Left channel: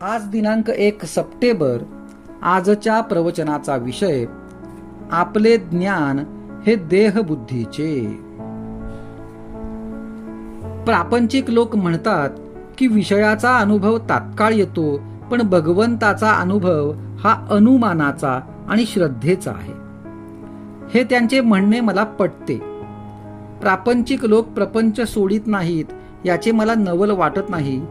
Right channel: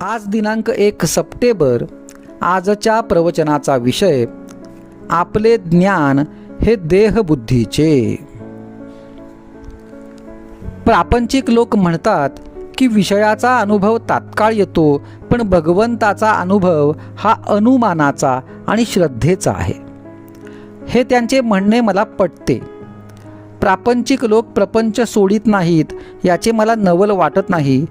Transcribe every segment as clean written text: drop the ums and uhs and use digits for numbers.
आज दिनांक 1 सप्टेंबर. आजच्या प्रवचनाचा विषय आपले ज्ञान हे देहबुद्धीचे. प्रापंचिक लोक म्हणतात की विषयाचा अनुभव तात्काळ येतो, पण भगवंताचा अनुभव हा अनुमानाचा आणि श्रद्धेचा आहे. हे त्यांचे म्हणणे मला पटते. प्रापंचिक लोक प्रपंच सोडित नाहीत याचे मला नवल वाटत नाही,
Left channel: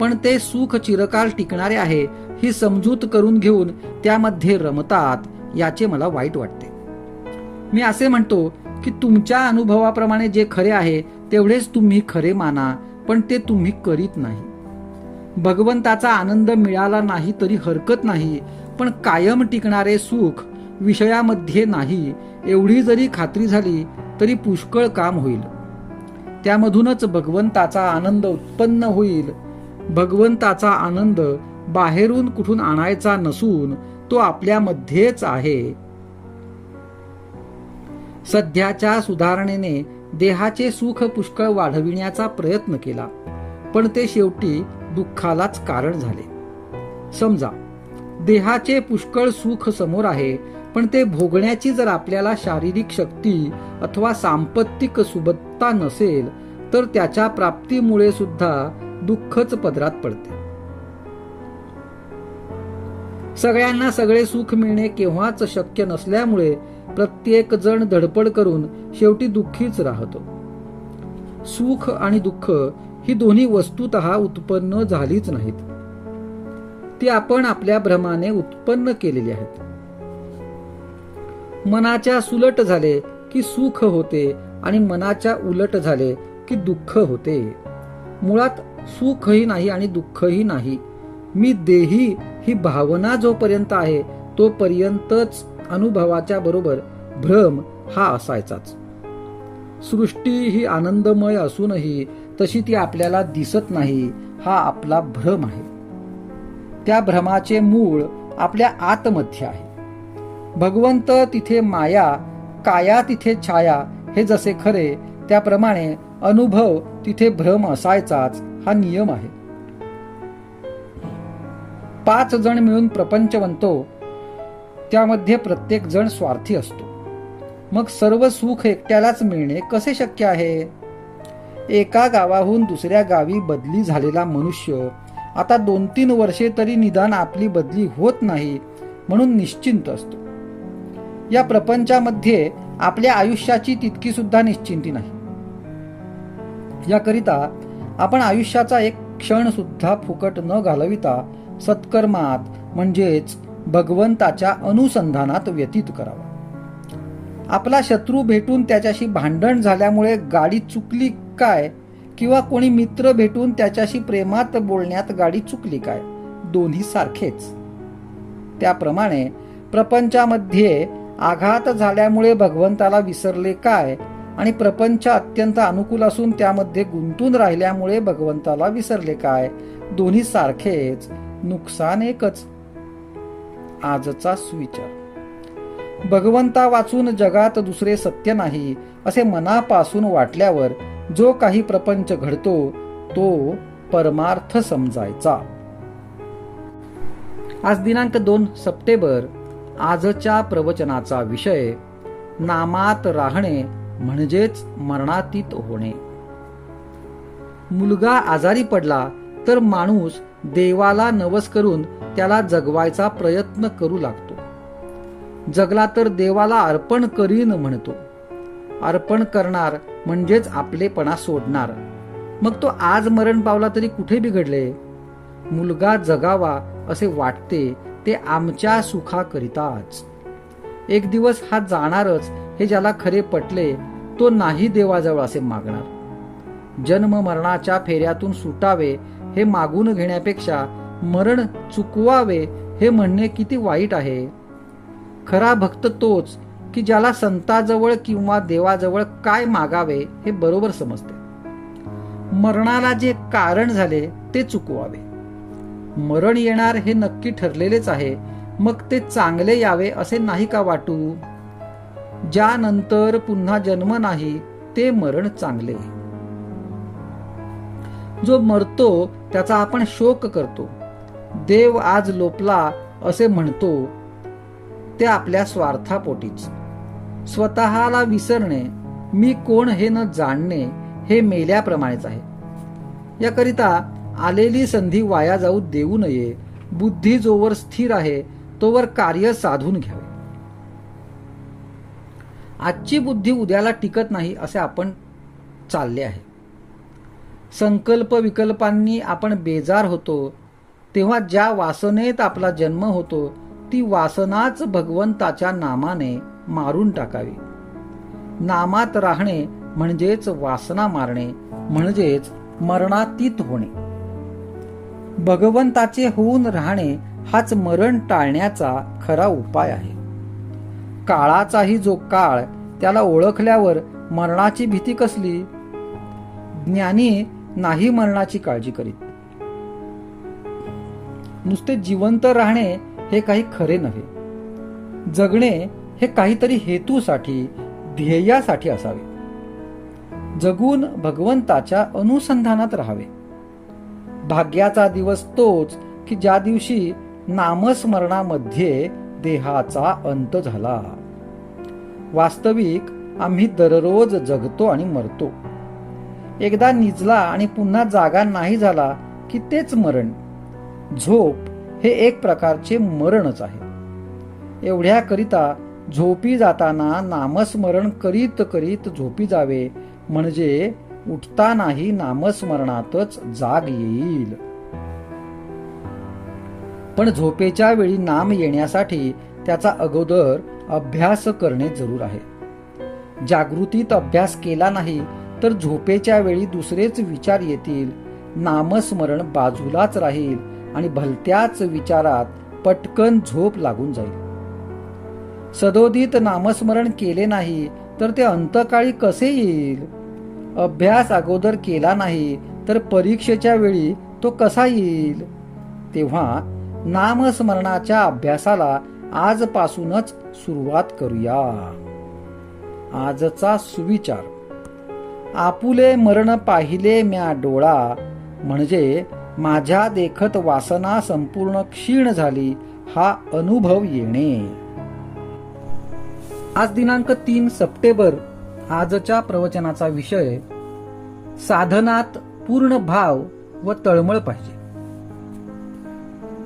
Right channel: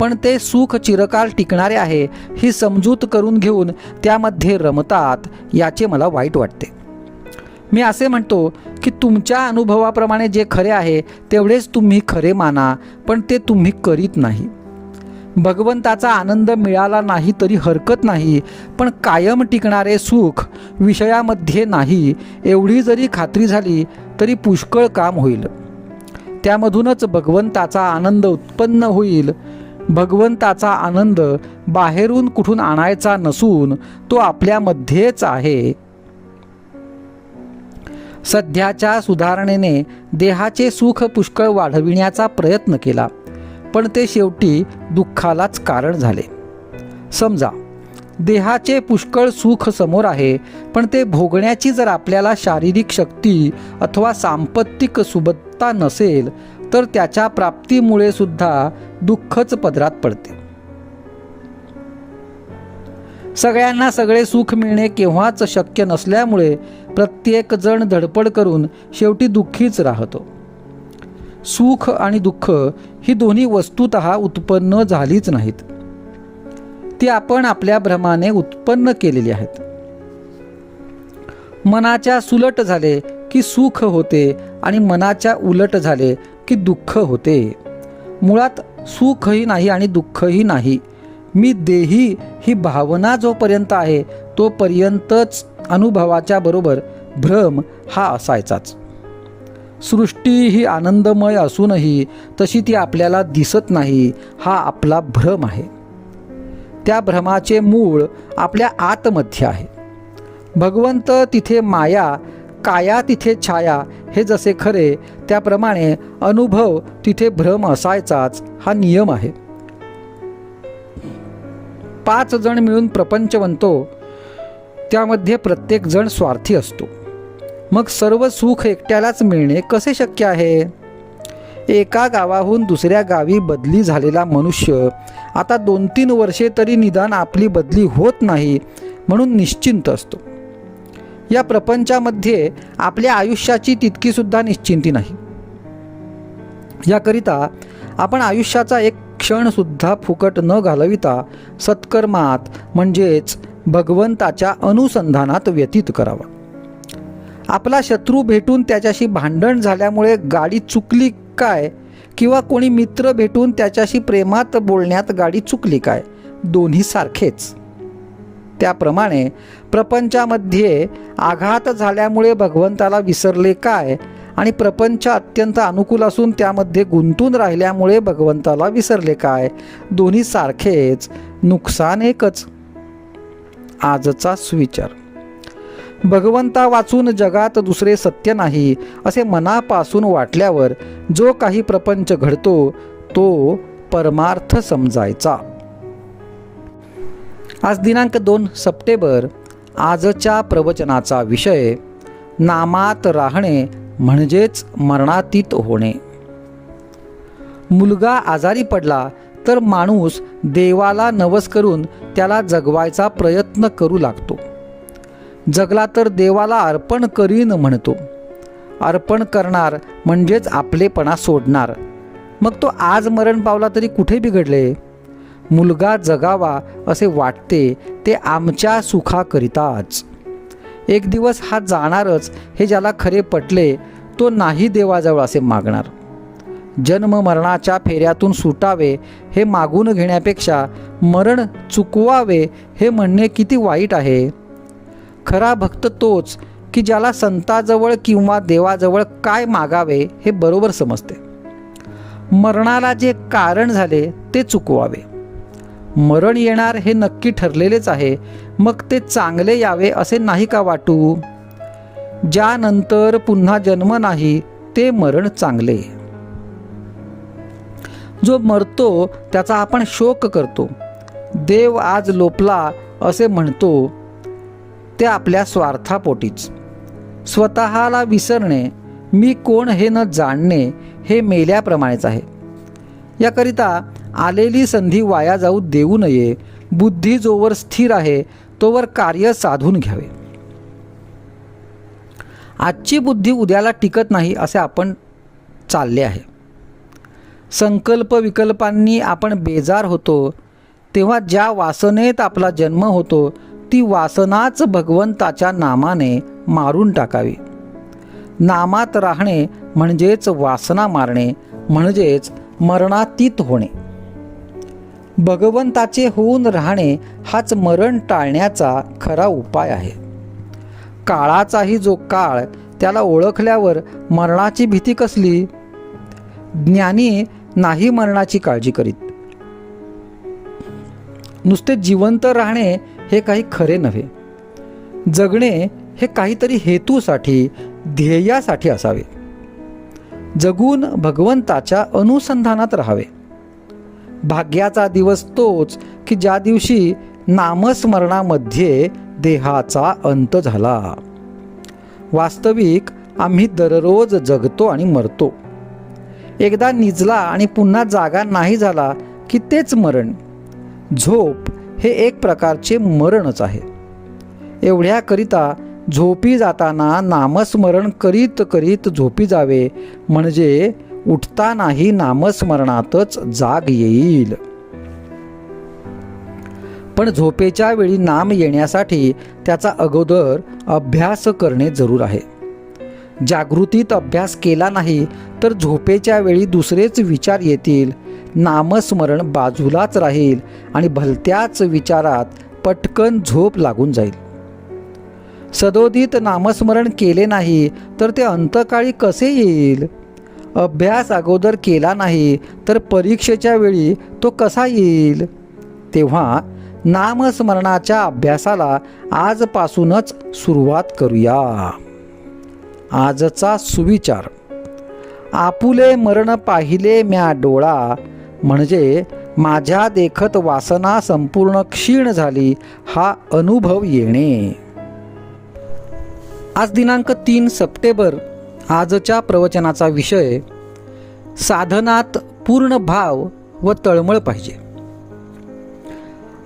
पण ते सुख चिरकाल टिकणारे आहे ही समजूत करून घेऊन त्यामध्ये रमतात याचे मला वाईट वाटते. मी असे म्हणतो की तुमच्या अनुभवाप्रमाणे जे खरे आहे तेवढेच तुम्ही खरे माना, पण ते तुम्ही करीत नाही. भगवंताचा आनंद मिळाला नाही तरी हरकत नाही, पण कायम टिकणारे सुख विषयामध्ये नाही एवढी जरी खात्री झाली तरी पुष्कळ काम होईल. त्यामधूनच भगवंताचा आनंद उत्पन्न होईल. भगवंताचा आनंद बाहेरून कुठून आणायचा नसून तो आपल्यामध्येच आहे. सध्याच्या सुधारणेने देहाचे सुख पुष्कळ वाढविण्याचा प्रयत्न केला, पण ते शेवटी दुःखालाच कारण झाले. समजा देहाचे पुष्कळ सुख समोर आहे, पण ते भोगण्याची जर आपल्याला शारीरिक शक्ती अथवा सांपत्तिक सुबत्ता नसेल तर त्याच्या प्राप्तीमुळे सुद्धा दुःखच पदरात पडते. सगळ्यांना सगळे सुख मिळणे केव्हाच शक्य नसल्यामुळे प्रत्येक जण धडपड करून शेवटी दुःखीच राहतो. सुख आणि दुःख ही दोन्ही वस्तुतः उत्पन्न झालीच नाहीत, ती आपण आपल्या भ्रमाने उत्पन्न केलेली आहेत. मनाच्या सुलट झाले की सुख होते आणि मनाच्या उलट झाले की दुःख होते. मुळात सुखही नाही आणि दुःखही नाही. मी देही ही भावना जोपर्यंत आहे तोपर्यंतच अनुभवाच्या बरोबर भ्रम हा असायचाच. सृष्टी ही आनंदमय असूनही तशी ती आपल्याला दिसत नाही हा आपला भ्रम आहे. त्या भ्रमाचे मूळ आपल्या आतमध्ये आहे. भगवंत तिथे माया, काया तिथे छाया हे जसे खरे त्याप्रमाणे अनुभव तिथे भ्रम असायचाच हा नियम आहे. 5 जण मिळून प्रपंच बनतो, त्यामध्ये प्रत्येक जण स्वार्थी असतो. मग सर्व सुख एकट्यालाच मिळणे कसे शक्य आहे? एका गावाहून दुसऱ्या गावी बदली झालेला मनुष्य आता 2-3 वर्षे तरी निदान आपली बदली होत नाही म्हणून निश्चिंत असतो. या प्रपंचामध्ये आपल्या आयुष्याची तितकी सुद्धा निश्चिंती नाही. याकरिता आपण आयुष्याचा एक क्षण सुद्धा फुकट न घालविता सत्कर्मात म्हणजेच भगवंताच्या अनुसंधानात व्यतीत करावा. आपला शत्रू भेटून त्याच्याशी भांडण झाल्यामुळे गाडी चुकली काय, किंवा कोणी मित्र भेटून त्याच्याशी प्रेमात बोलण्यात गाडी चुकली काय, दोन्ही सारखेच. त्याप्रमाणे प्रपंचामध्ये आघात झाल्यामुळे भगवंताला विसरले काय आणि प्रपंच अत्यंत अनुकूल असून त्यामध्ये गुंतून राहिल्यामुळे भगवंताला विसरले काय, दोन्ही सारखेच, नुकसान एकच. आजचा सुविचार. भगवंता वाचून जगात दुसरे सत्य नाही असे मनापासून वाटल्यावर जो काही प्रपंच घडतो तो परमार्थ समजायचा. आज दिनांक 2 सप्टेंबर. आजच्या प्रवचनाचा विषय नामात राहणे म्हणजेच मरणातीत होणे. मुलगा आजारी पडला तर माणूस देवाला नवस करून त्याला जगवायचा प्रयत्न करू लागतो. जगला तर देवाला अर्पण करीन म्हणतो. अर्पण करणार म्हणजेच आपलेपणा सोडणार. मग तो आज मरण पावला तरी कुठे बिघडले? मुलगा जगावा असे वाटते ते आमच्या सुखाकरिताच. एक दिवस हा जाणारच हे ज्याला खरे पटले तो नाही देवाजवळ असे मागणार. जन्म मरणाच्या फेऱ्यातून सुटावे हे मागून घेण्यापेक्षा मरण चुकवावे हे म्हणणे किती वाईट आहे. खरा भक्त तोच की ज्याला संताजवळ किंवा देवाजवळ काय मागावे हे बरोबर समजते. मरणाला जे कारण झाले ते चुकवावे. मरण येणार हे नक्की ठरलेलेच आहे, मग ते चांगले यावे असे नाही का वाटू? ज्यानंतर पुन्हा जन्म नाही ते मरण चांगले. जो मरतो त्याचा आपण शोक करतो, देव आज लोपला असे म्हणतो ते आपल्या स्वार्थापोटीच. स्वतःला विसरणे, मी कोण हे न जाणणे, हे मेल्याप्रमाणेच आहे. याकरिता आलेली संधी वाया जाऊ देऊ नये. बुद्धी जोवर स्थिर आहे तोवर कार्य साधून घ्यावे. आजची बुद्धी उद्याला टिकत नाही असे आपण चालले आहे. संकल्प विकल्पांनी आपण बेजार होतो तेव्हा ज्या वासनेत आपला जन्म होतो ती वासनाच भगवंताच्या नामाने मारून टाकावी. नामात राहणे म्हणजेच वासना मारणे, म्हणजेच मरणातीत होणे. भगवंताचे होऊन राहणे हाच मरण टाळण्याचा खरा उपाय आहे. काळाचाही जो काळ, त्याला ओळखल्यावर मरणाची भीती कसली? ज्ञानी नाही मरणाची काळजी करीत. नुसते जिवंत राहणे हे काही खरे नव्हे. जगणे हे काहीतरी हेतूसाठी, ध्येयासाठी असावे. जगून भगवंताच्या अनुसंधानात राहावे. भाग्याचा दिवस तोच की ज्या दिवशी नामस्मरणामध्ये देहाचा अंत झाला. वास्तविक आम्ही दररोज जगतो आणि मरतो. एकदा निजला आणि पुन्हा जागा नाही झाला की तेच मरण. झोप हे एक प्रकारचे मरणच आहे. एवढ्याकरिता झोपी जाताना नामस्मरण करीत करीत झोपी जावे, म्हणजे उठतानाही नामस्मरणातच जाग येईल. पण झोपेच्या वेळी नाम येण्यासाठी त्याचा अगोदर अभ्यास करणे जरूर आहे. जागृतीत अभ्यास केला नाही तर झोपेच्या वेळी दुसरेच विचार येतील, नामस्मरण बाजूलाच राहील आणि भलत्याच विचारात पटकन झोप लागून जाईल. सदोदित नामस्मरण केले नाही तर ते अंतकाळी कसे येईल? अभ्यास अगोदर केला नाही तर परीक्षेच्या वेळी तो कसा येईल? तेव्हा नामस्मरणाच्या अभ्यासाला आजपासूनच सुरुवात करूया. आजचा सुविचार: आपुले मरण पाहिले म्या डोळा, म्हणजे माझ्या देखत वासना संपूर्ण क्षीण झाली, हा अनुभव येणे. आज दिनांक 3 सप्टेंबर. आजच्या प्रवचनाचा विषय: साधनात पूर्ण भाव व तळमळ पाहिजे.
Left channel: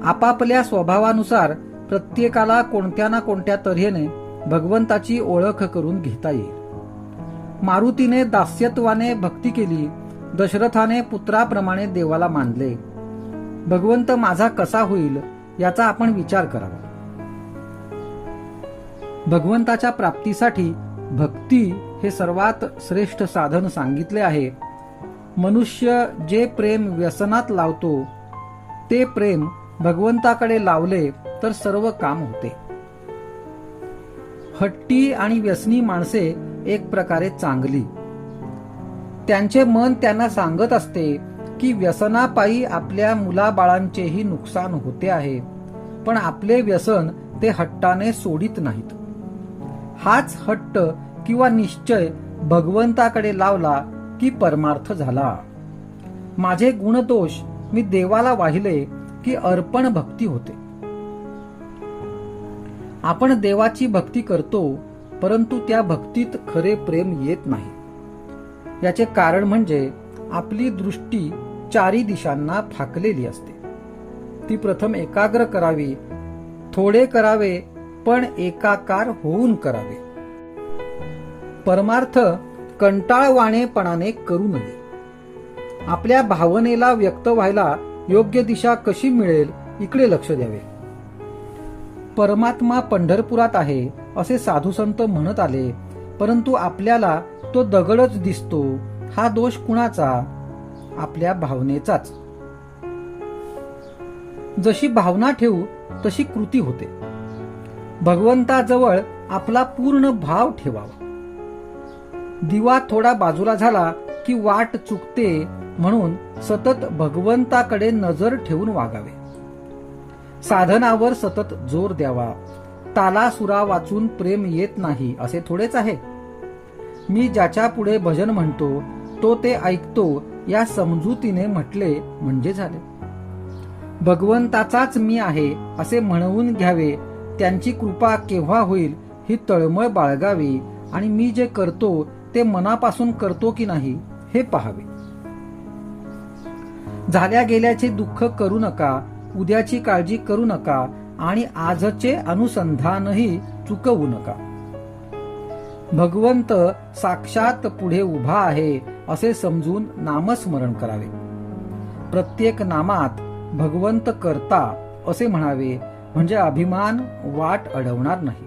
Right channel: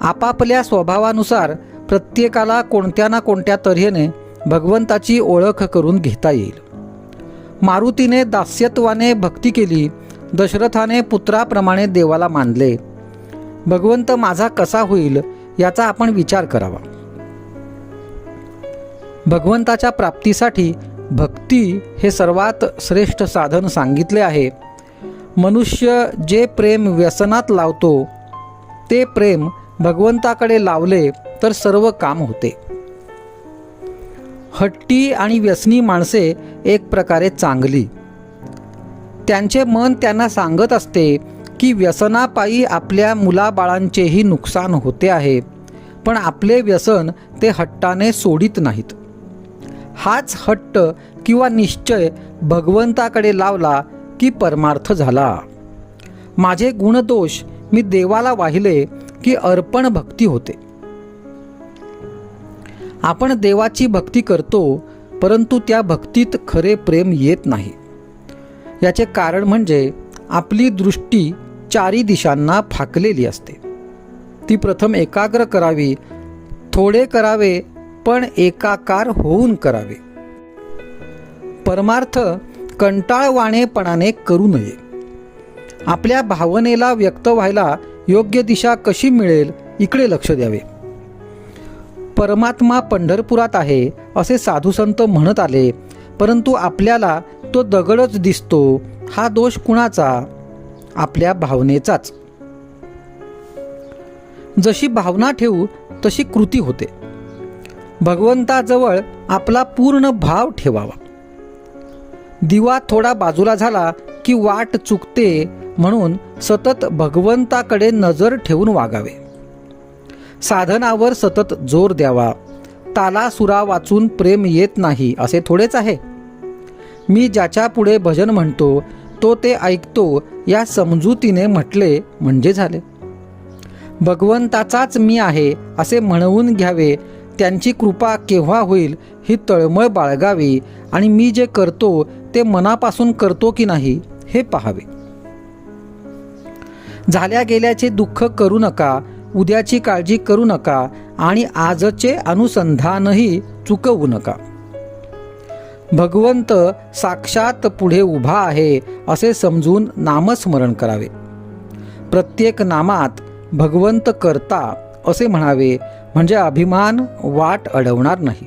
आपापल्या स्वभावानुसार प्रत्येकाला कोणत्या ना कोणत्या तऱ्हेने भगवंताची ओळख करून घेता येईल. मारुतीने दास्यत्वाने भक्ती केली, दशरथाने पुत्राप्रमाणे देवाला मानले. भगवंत माझा कसा होईल याचा आपण विचार करावा. भगवंताच्या प्राप्तीसाठी भक्ती हे सर्वात श्रेष्ठ साधन सांगितले आहे. मनुष्य जे प्रेम व्यसनात लावतो ते प्रेम भगवंताकडे लावले तर सर्व काम होते. हट्टी आणि व्यसनी माणसे एक प्रकारे चांगली. त्यांचे मन त्यांना सांगत असते की व्यसनापायी आपल्या मुलाबाळांचेही नुकसान होते आहे, पण आपले व्यसन ते हट्टाने सोडित नाहीत. हाच हट्ट किंवा निश्चय भगवंताकडे लावला की परमार्थ झाला. माझे गुणदोष मी देवाला वाहिले की अर्पण भक्ती होते. आपण देवाची भक्ती करतो, परंतु त्या भक्तीत खरे प्रेम येत नाही. याचे कारण म्हणजे आपली दृष्टी चारी दिशांना फाकलेली असते. ती प्रथम एकाग्र करावी, थोडे करावे, पण एकाकार होऊन करावे. परमार्थ कंटाळवाणेपणाने करू नये. आपल्या भावनेला व्यक्त व्हायला योग्य दिशा कशी मिळेल इकडे लक्ष द्यावे. परमात्मा पंढरपुरात आहे असे साधुसंत म्हणत आले, परंतु आपल्याला तो दगडच दिसतो. हा दोष कुणाचा? आपल्या भावनेचाच. जशी भावना ठेवू तशी कृती होते. भगवंताजवळ आपला पूर्ण भाव ठेवावा. दिवा थोडा बाजूला झाला की वाट चुकते, म्हणून सतत भगवंताकडे नजर ठेवून वागावे. साधनावर सतत जोर द्यावा. तालासुरा वाचून प्रेम येत नाही असे थोडेच आहे. मी ज्याच्या पुढे भजन म्हणतो तो ते ऐकतो या समजुतीने म्हटले म्हणजे झाले. भगवंताचाच मी आहे असे म्हणवून घ्यावे, त्यांची कृपा केव्हा होईल ही तळमळ बाळगावी आणि मी जे करतो ते मनापासून करतो की नाही हे पाहावे. झाल्या गेल्याचे दुःख करू नका, उद्याची काळजी करू नका आणि आजचे अनुसंधानही चुकवू नका. भगवंत साक्षात पुढे उभा आहे असे समजून नामस्मरण करावे. प्रत्येक नामात भगवंत करता असे म्हणावे, म्हणजे अभिमान वाट अडवणार नाही.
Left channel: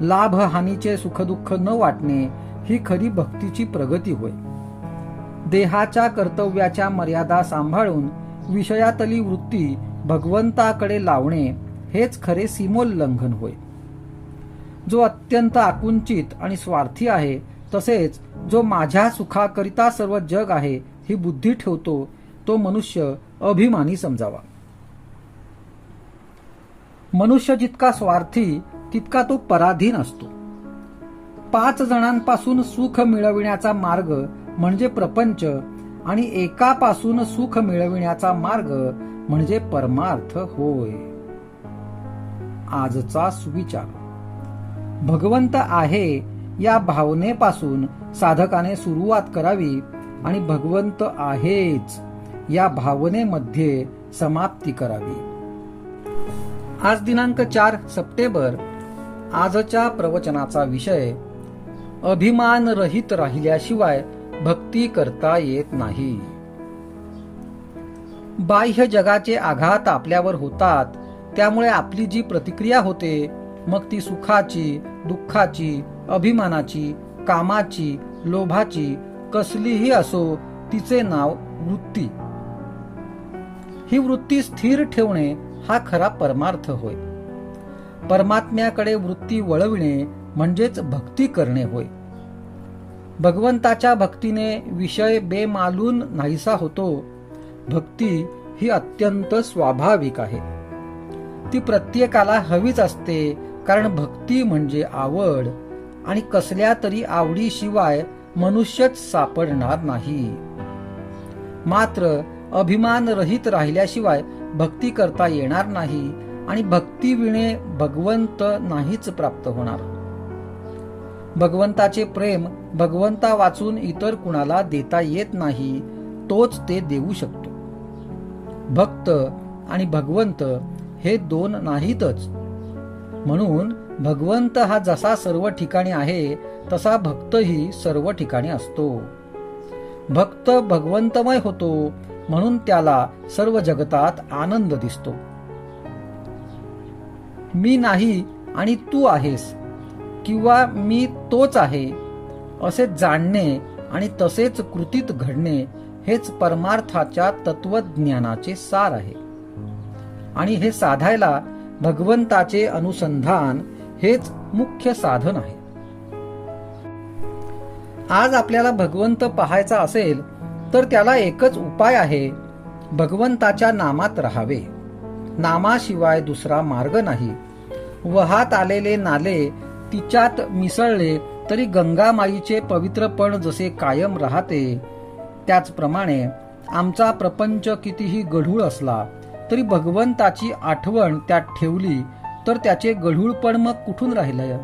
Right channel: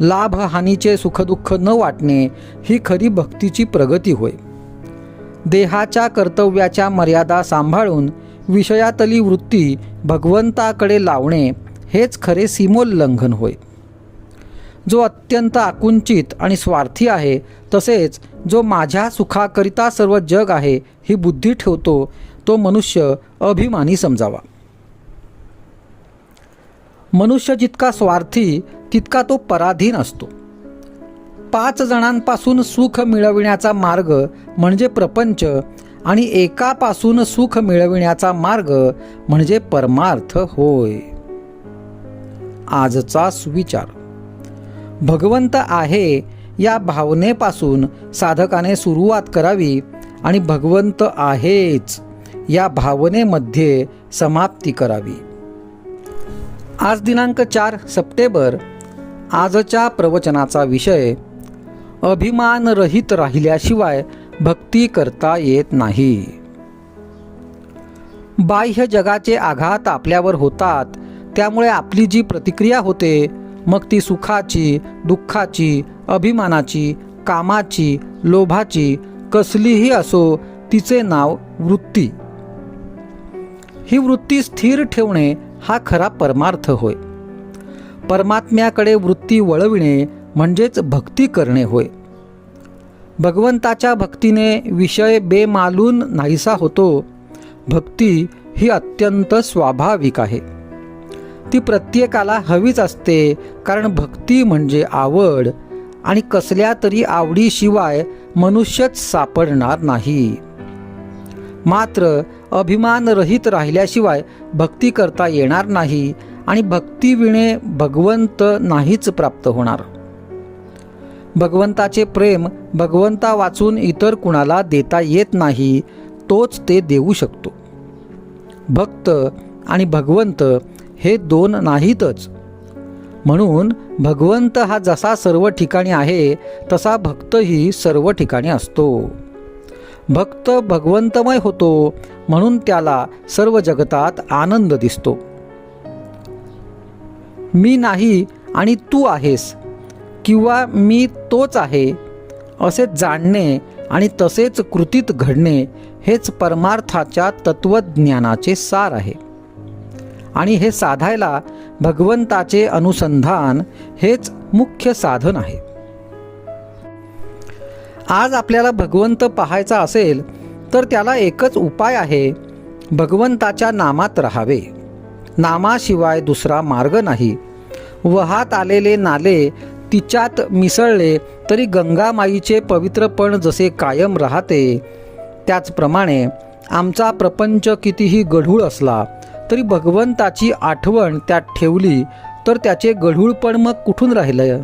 लाभ हानीचे सुखदुःख न वाटणे ही खरी भक्तीची प्रगती होय. देहाच्या कर्तव्याच्या मर्यादा सांभाळून विषयातली वृत्ती भगवंताकडे लावणे हेच खरे सीमोल्लंघन होय. जो अत्यंत आकुंचित आणि स्वार्थी आहे, तसेच जो माझ्या सुखाकरिता सर्व जग आहे ही बुद्धी ठेवतो, तो मनुष्य अभिमानी समजावा. मनुष्य जितका स्वार्थी तितका तो पराधीन असतो. 5 जणांपासून सुख मिळविण्याचा मार्ग म्हणजे प्रपंच आणि एकापासून सुख मिळविण्याचा मार्ग म्हणजे परमार्थ होय. आजचा सुविचार. भगवंत आहे या भावनेपासून साधकाने सुरुवात करावी आणि भगवंत आहेच या भावनेमध्ये समाप्ती करावी. आज दिनांक 4 सप्टेंबर. आजच्या प्रवचनाचा विषय अभिमान रहित राहिल्याशिवाय भक्ती करता येत नाही. बाह्य जगाचे आघात आपल्यावर होतात, त्यामुळे आपली जी प्रतिक्रिया होते, मग ती सुखाची, दुःखाची, अभिमानाची, कामाची, लोभाची कसलीही असो, तिचे नाव वृत्ती. ही वृत्ती स्थिर ठेवणे हा खरा परमार्थ होय. परमात्म्याकडे वृत्ती वळविणे म्हणजेच भक्ती करणे होय. भगवंताच्या भक्तीने विषय बेमालून नाहीसा होतो. भक्ती ही अत्यंत स्वाभाविक आहे. ती प्रत्येकाला हवीच असते, कारण भक्ती म्हणजे आवड आणि कसल्या तरी आवडीशिवाय मनुष्यच सापडणार नाही. मात्र अभिमान रहित राहिल्याशिवाय भक्ती करता येणार नाही आणि भक्तीविणे भगवंत नाहीच प्राप्त होणार. भगवंताचे प्रेम भगवंता वाचून इतर कुणाला देता येत नाही, तोच ते देऊ शकतो. भक्त आणि भगवंत हे 2 नाहीतच. म्हणून भगवंत हा जसा सर्व ठिकाणी आहे, तसा भक्तही सर्व ठिकाणी असतो. भक्त भगवंतमय होतो, म्हणून त्याला सर्व जगतात आनंद दिसतो. मी नाही आणि तू आहेस, किंवा मी तोच आहे असे जाणणे आणि तसेच कृतीत घडणे हेच परमार्थाच्या तत्वज्ञानाचे सार आहे. आणि हे साधायला भगवंताचे अनुसंधान हेच मुख्य साधन आहे. आज आपल्याला भगवंत पाहायचा असेल तर त्याला एकच उपाय आहे, भगवंताच्या नामात राहावे. नामाशिवाय दुसरा मार्ग नाही. वहात आलेले नाले तिच्यात मिसळले तरी गंगामाईचे पवित्रपण जसे कायम राहते, त्याचप्रमाणे आमचा प्रपंच कितीही गढूळ असला तरी भगवंताची आठवण त्यात ठेवली तर त्याचे गढूळपण मग कुठून राहिलं.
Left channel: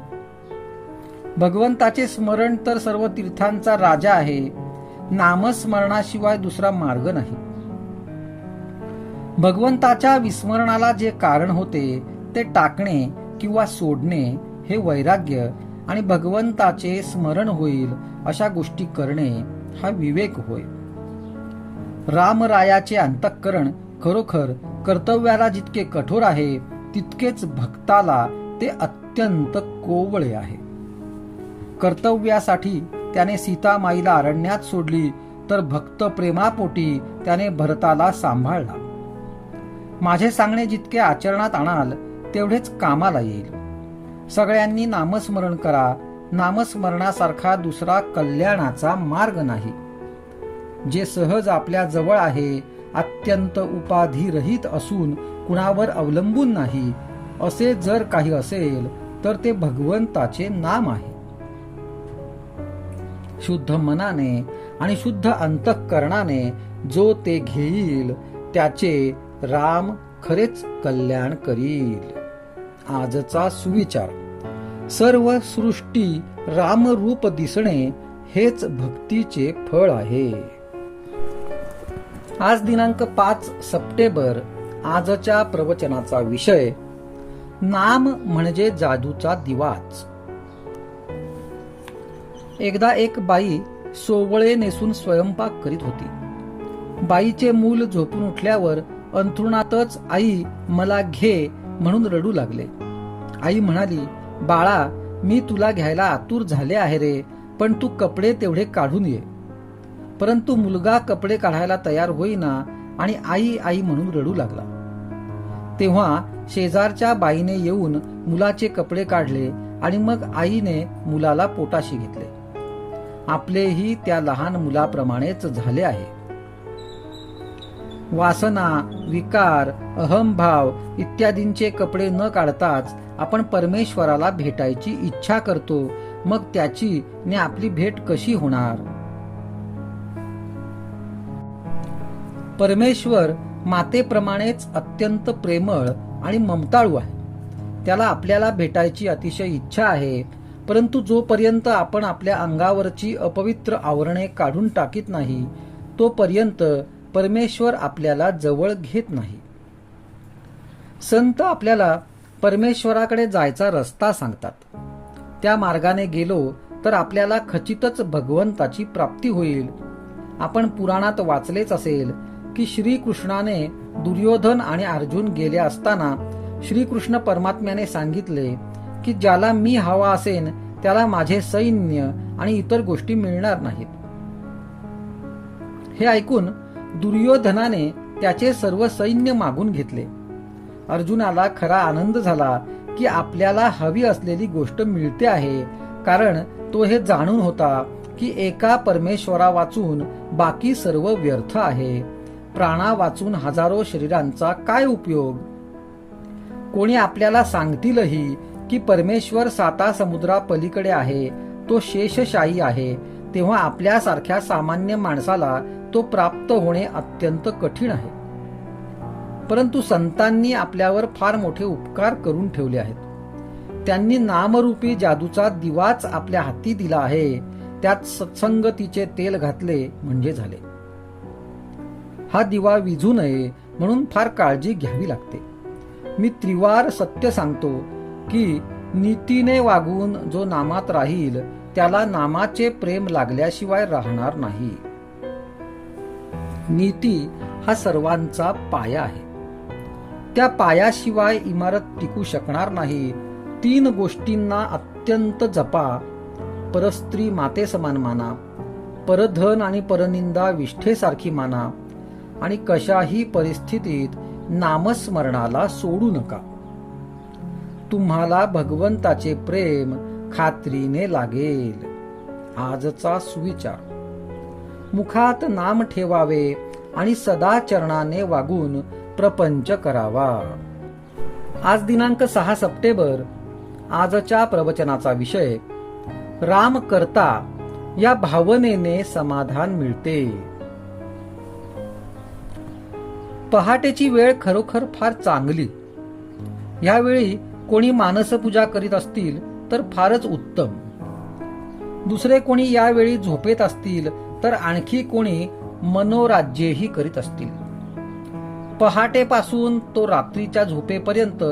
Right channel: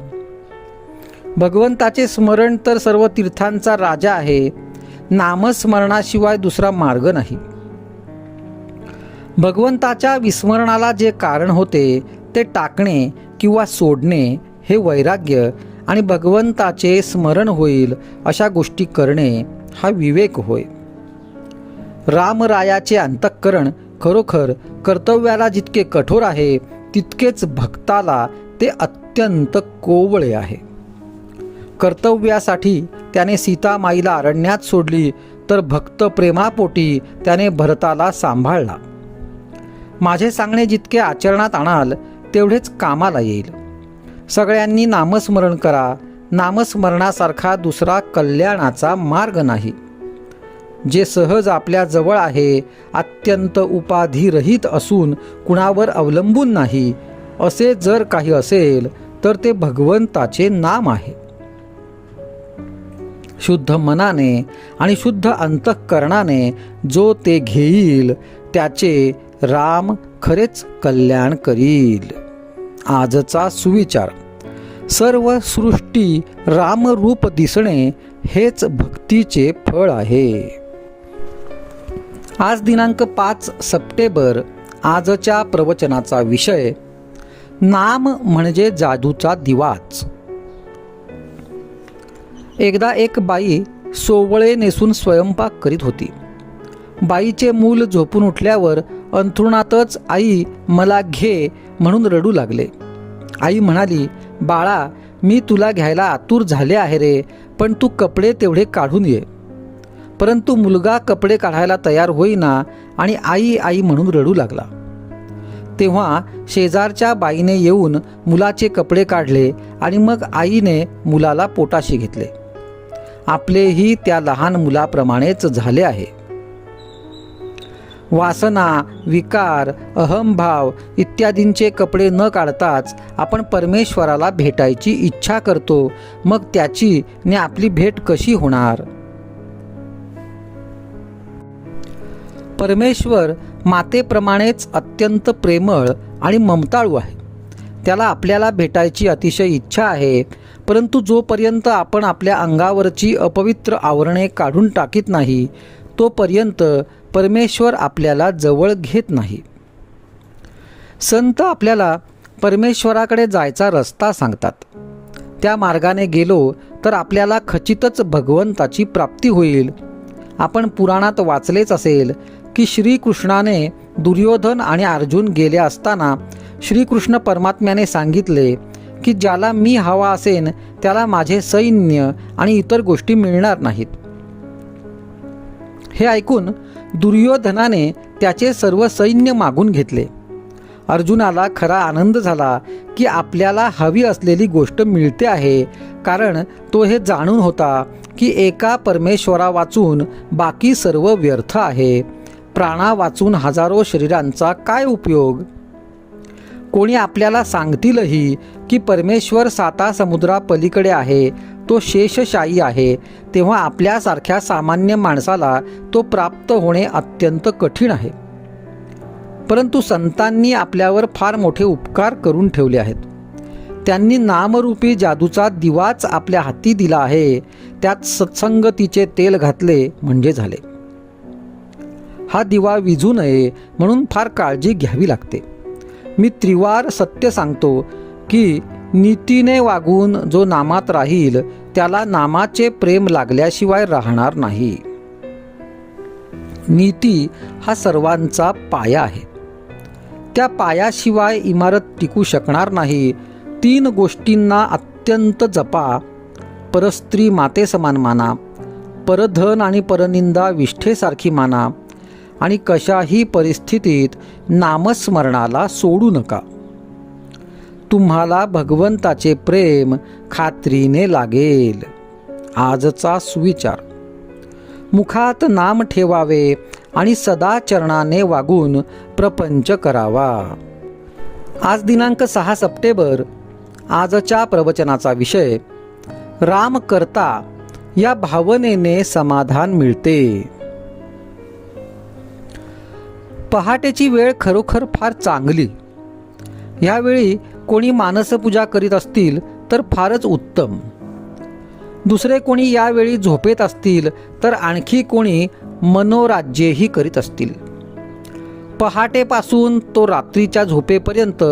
भगवंताचे स्मरण तर सर्व तीर्थांचा राजा आहे. नामस्मरणाशिवाय दुसरा मार्ग नाही. भगवंताच्या विस्मरणाला जे कारण होते ते टाकणे किंवा सोडणे हे वैराग्य आणि भगवंताचे स्मरण होईल अशा गोष्टी करणे हा विवेक होय. रामरायाचे अंतःकरण खरोखर कर्तव्याला जितके कठोर आहे, तितकेच भक्ताला ते अत्यंत कोवळे आहे. कर्तव्यासाठी त्याने सीतामाईला अरण्यात सोडली, तर भक्त प्रेमापोटी त्याने भरताला सांभाळला. माझे सांगणे जितके आचरणात आणाल तेवढेच कामाला येईल. सगळ्यांनी नामस्मरण करा. नामस्मरणासारखा दुसरा कल्याणाचा मार्ग नाही. जे सहज आपल्या जवळ आहे, अत्यंत उपाधिरहित असून कुणावर अवलंबून नाही, असे जर काही असेल तर ते भगवंताचे नाम आहे. शुद्ध मनाने आणि शुद्ध अंतःकरणाने जो ते घेईल त्याचे राम खरेच कल्याण करील. आजचा सुविचार: सर्व सृष्टी रामरूप दिसणे हेच भक्तीचे फळ आहे. आज दिनांक 5 सप्टेंबर. आजच्या प्रवचनाचा विषय: नाम म्हणजे जादूचा दिवाच. एकदा एक बाई सोवळे नेसून स्वयंपाक करीत होती. बाईचे मूल झोपून उठल्यावर अंथरुणातच आई मला घे म्हणून रडू लागले. आई म्हणाली, बाळा, मी तुला घ्यायला आतुर झाले आहे रे, पण तू कपडे तेवढे काढून ये. परंतु मुलगा कपडे काढायला तयार होईना आणि आई आई म्हणून रडू लागला. तेव्हा शेजारच्या बाईने येऊन मुलाचे कपडे काढले आणि मग आईने मुलाला पोटाशी घेतले. आपलेही त्या लहान मुलाप्रमाणेच झाले आहे. वासना, विकार, अहंभाव इत्यादींचे कपडे न काढताच आपण परमेश्वराला भेटायची इच्छा करतो. मग त्याची ने आपली भेट कशी होणार? परमेश्वर मातेप्रमाणेच अत्यंत प्रेमळ आणि ममताळू आहे. त्याला आपल्याला भेटायची अतिशय इच्छा आहे. परंतु जोपर्यंत आपण आपल्या अंगावरची अपवित्र आवरणे काढून टाकीत नाही, तोपर्यंत परमेश्वर आपल्याला जवळ घेत नाही. संत आपल्याला परमेश्वराकडे जायचा रस्ता सांगतात. त्या मार्गाने गेलो तर आपल्याला खचितच भगवंताची प्राप्ती होईल. आपण पुराणात वाचलेच असेल की श्रीकृष्णाने दुर्योधन आणि अर्जुन गेले असताना श्रीकृष्ण परमात्म्याने सांगितले की ज्याला मी हवा असेन त्याला माझे सैन्य आणि इतर गोष्टी मिळणार नाहीत. हे ऐकून दुर्योधनाने त्याचे सर्व सैन्य मागून घेतले. अर्जुनाला खरा आनंद झाला की आपल्याला हवी असलेली गोष्ट मिळते आहे, कारण तो हे जाणून होता की एका परमेश्वरा वाचून बाकी सर्व व्यर्थ आहे. प्राणा वाचून हजारो शरीरांचा काय उपयोग? कोणी आपल्याला सांगतीलही की परमेश्वर 7 समुद्रापलीकडे आहे, तो शेषशायी आहे, तेव्हा आपल्यासारख्या सामान्य माणसाला तो प्राप्त होणे अत्यंत कठीण आहे. परंतु संतांनी आपल्यावर फार मोठे उपकार करून ठेवले आहेत. त्यांनी नामरूपी जादूचा दिवाच आपल्या हाती दिला आहे. त्यात सत्संगतीचे तेल घातले म्हणजे झाले. हा दिवा विझू नये म्हणून फार काळजी घ्यावी लागते. मी त्रिवार सत्य सांगतो की नीतीने वागून जो नामात राहील त्याला नामाचे प्रेम लागल्याशिवाय राहणार नाही. नीती हा सर्वांचा पाया आहे. त्या पायाशिवाय इमारत टिकू शकणार नाही. 3 गोष्टींना अत्यंत जपा. परस्त्री माते समान माना, परधन आणि परनिंदा विष्ठेसारखी माना आणि कशाही परिस्थितीत नामस्मरणाला सोडू नका. तुम्हाला भगवंताचे प्रेम खात्रीने लागेल. आजचा सुविचार: मुखात नाम ठेवावे आणि सदा चरणाने वागून प्रपंच करावा. आज दिनांक 6 सप्टेंबर. आजच्या प्रवचनाचा विषय: राम करता या भावनेने समाधान मिळते. पहाटेची वेळ खरोखर फार चांगली. यावेळी कोणी मानसपूजा करीत असतील तर फारच उत्तम. दुसरे कोणी यावेळी झोपेत असतील तर आणखी कोणी मनोराज्येही करीत असतील. पहाटेपासून तो रात्रीच्या झोपेपर्यंत,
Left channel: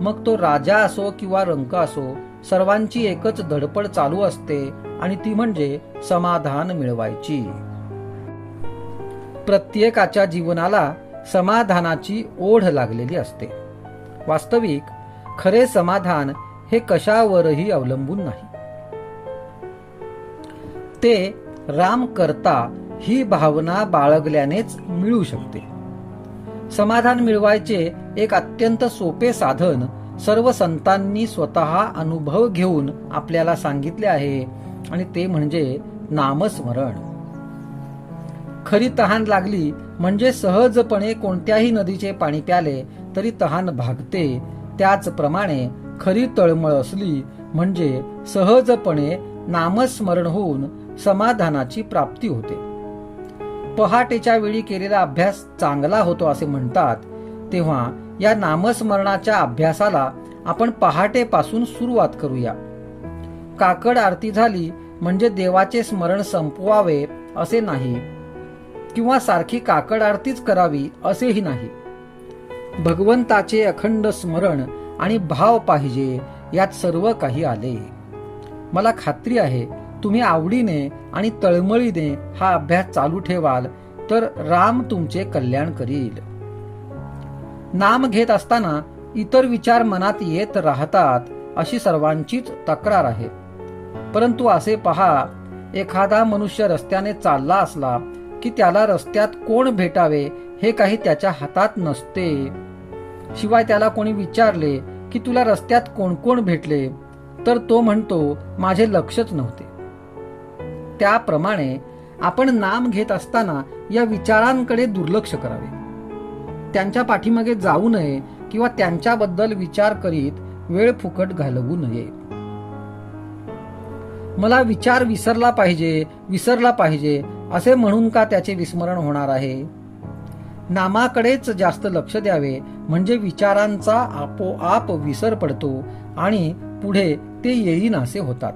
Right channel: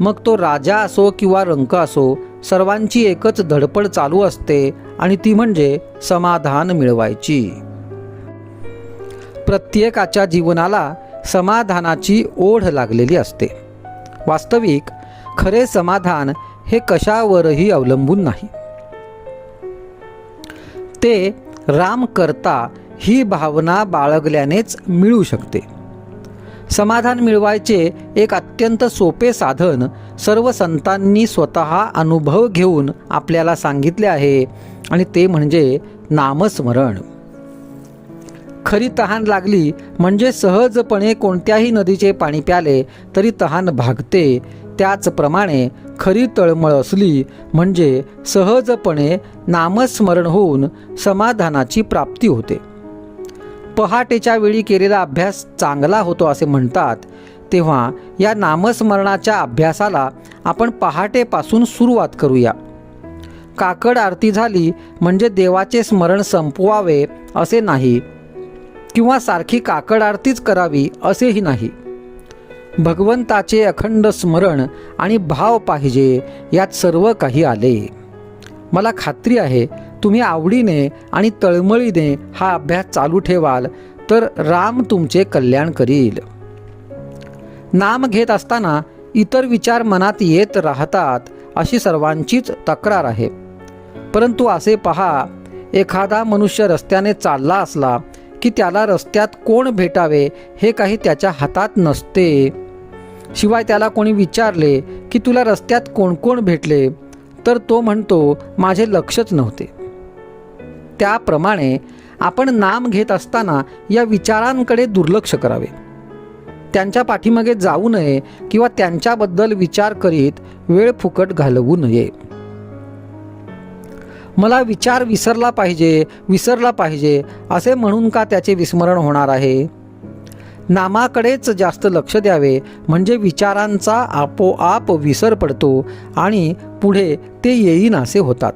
मग तो राजा असो किंवा रंक असो, सर्वांची एकच धडपड चालू असते आणि ती म्हणजे समाधान मिळवायची. प्रत्येकाच्या जीवनाला समाधानाची ओढ लागलेली असते. वास्तविक खरे समाधान हे कशावरही अवलंबून नाही. ते राम करता ही भावना बाळगल्यानेच मिळू शकते. समाधान मिळवायचे एक अत्यंत सोपे साधन सर्व संतांनी स्वतः अनुभव घेऊन आपल्याला सांगितले आहे आणि ते म्हणजे नामस्मरण. खरी तहान लागली म्हणजे सहजपणे कोणत्याही नदीचे पाणी प्याले तरी तहान भागते. त्याचप्रमाणे खरी तळमळ असली म्हणजे सहजपणे नामस्मरण होऊन समाधानाची प्राप्ती होते. पहाटेच्या वेळी केलेला अभ्यास चांगला होतो असे म्हणतात. तेव्हा या नामस्मरणाच्या अभ्यासाला आपण पहाटेपासून सुरुवात करूया. काकड आरती झाली म्हणजे देवाचे स्मरण संपवावे असे नाही, किंवा सारखी काकड आरतीच करावी असेही नाही. भगवंताचे अखंड स्मरण आणि भाव पाहिजे, यात सर्व काही आले. मला खात्री आहे तुम्ही आवडीने आणि तळमळीने हा अभ्यास चालू ठेवाल तर राम तुमचे कल्याण करील. नाम घेत असताना इतर विचार मनात येत राहतात अशी सर्वांचीच तक्रार आहे. परंतु असे पहा, एखादा मनुष्य रस्त्याने चालला असला की त्याला रस्त्यात कोण भेटावे हे काही त्याच्या हातात नसते. शिवाय त्याला कोणी विचारले की तुला रस्त्यात कोण कोण भेटले, तर तो म्हणतो माझे लक्षच नव्हते. त्याप्रमाणे आपण नाम घेत असताना या विचारांकडे दुर्लक्ष करावे. त्यांच्या पाठीमागे जाऊ नये किंवा त्यांच्याबद्दल विचार करीत वेळ फुकट घालवू नये. मला विचार विसरला पाहिजे असे म्हणून का त्याचे विस्मरण होणार आहे? नामाकडेच जास्त लक्ष द्यावे, म्हणजे विचारांचा आपोआप विसर पडतो आणि पुढे ते येईनासे होतात.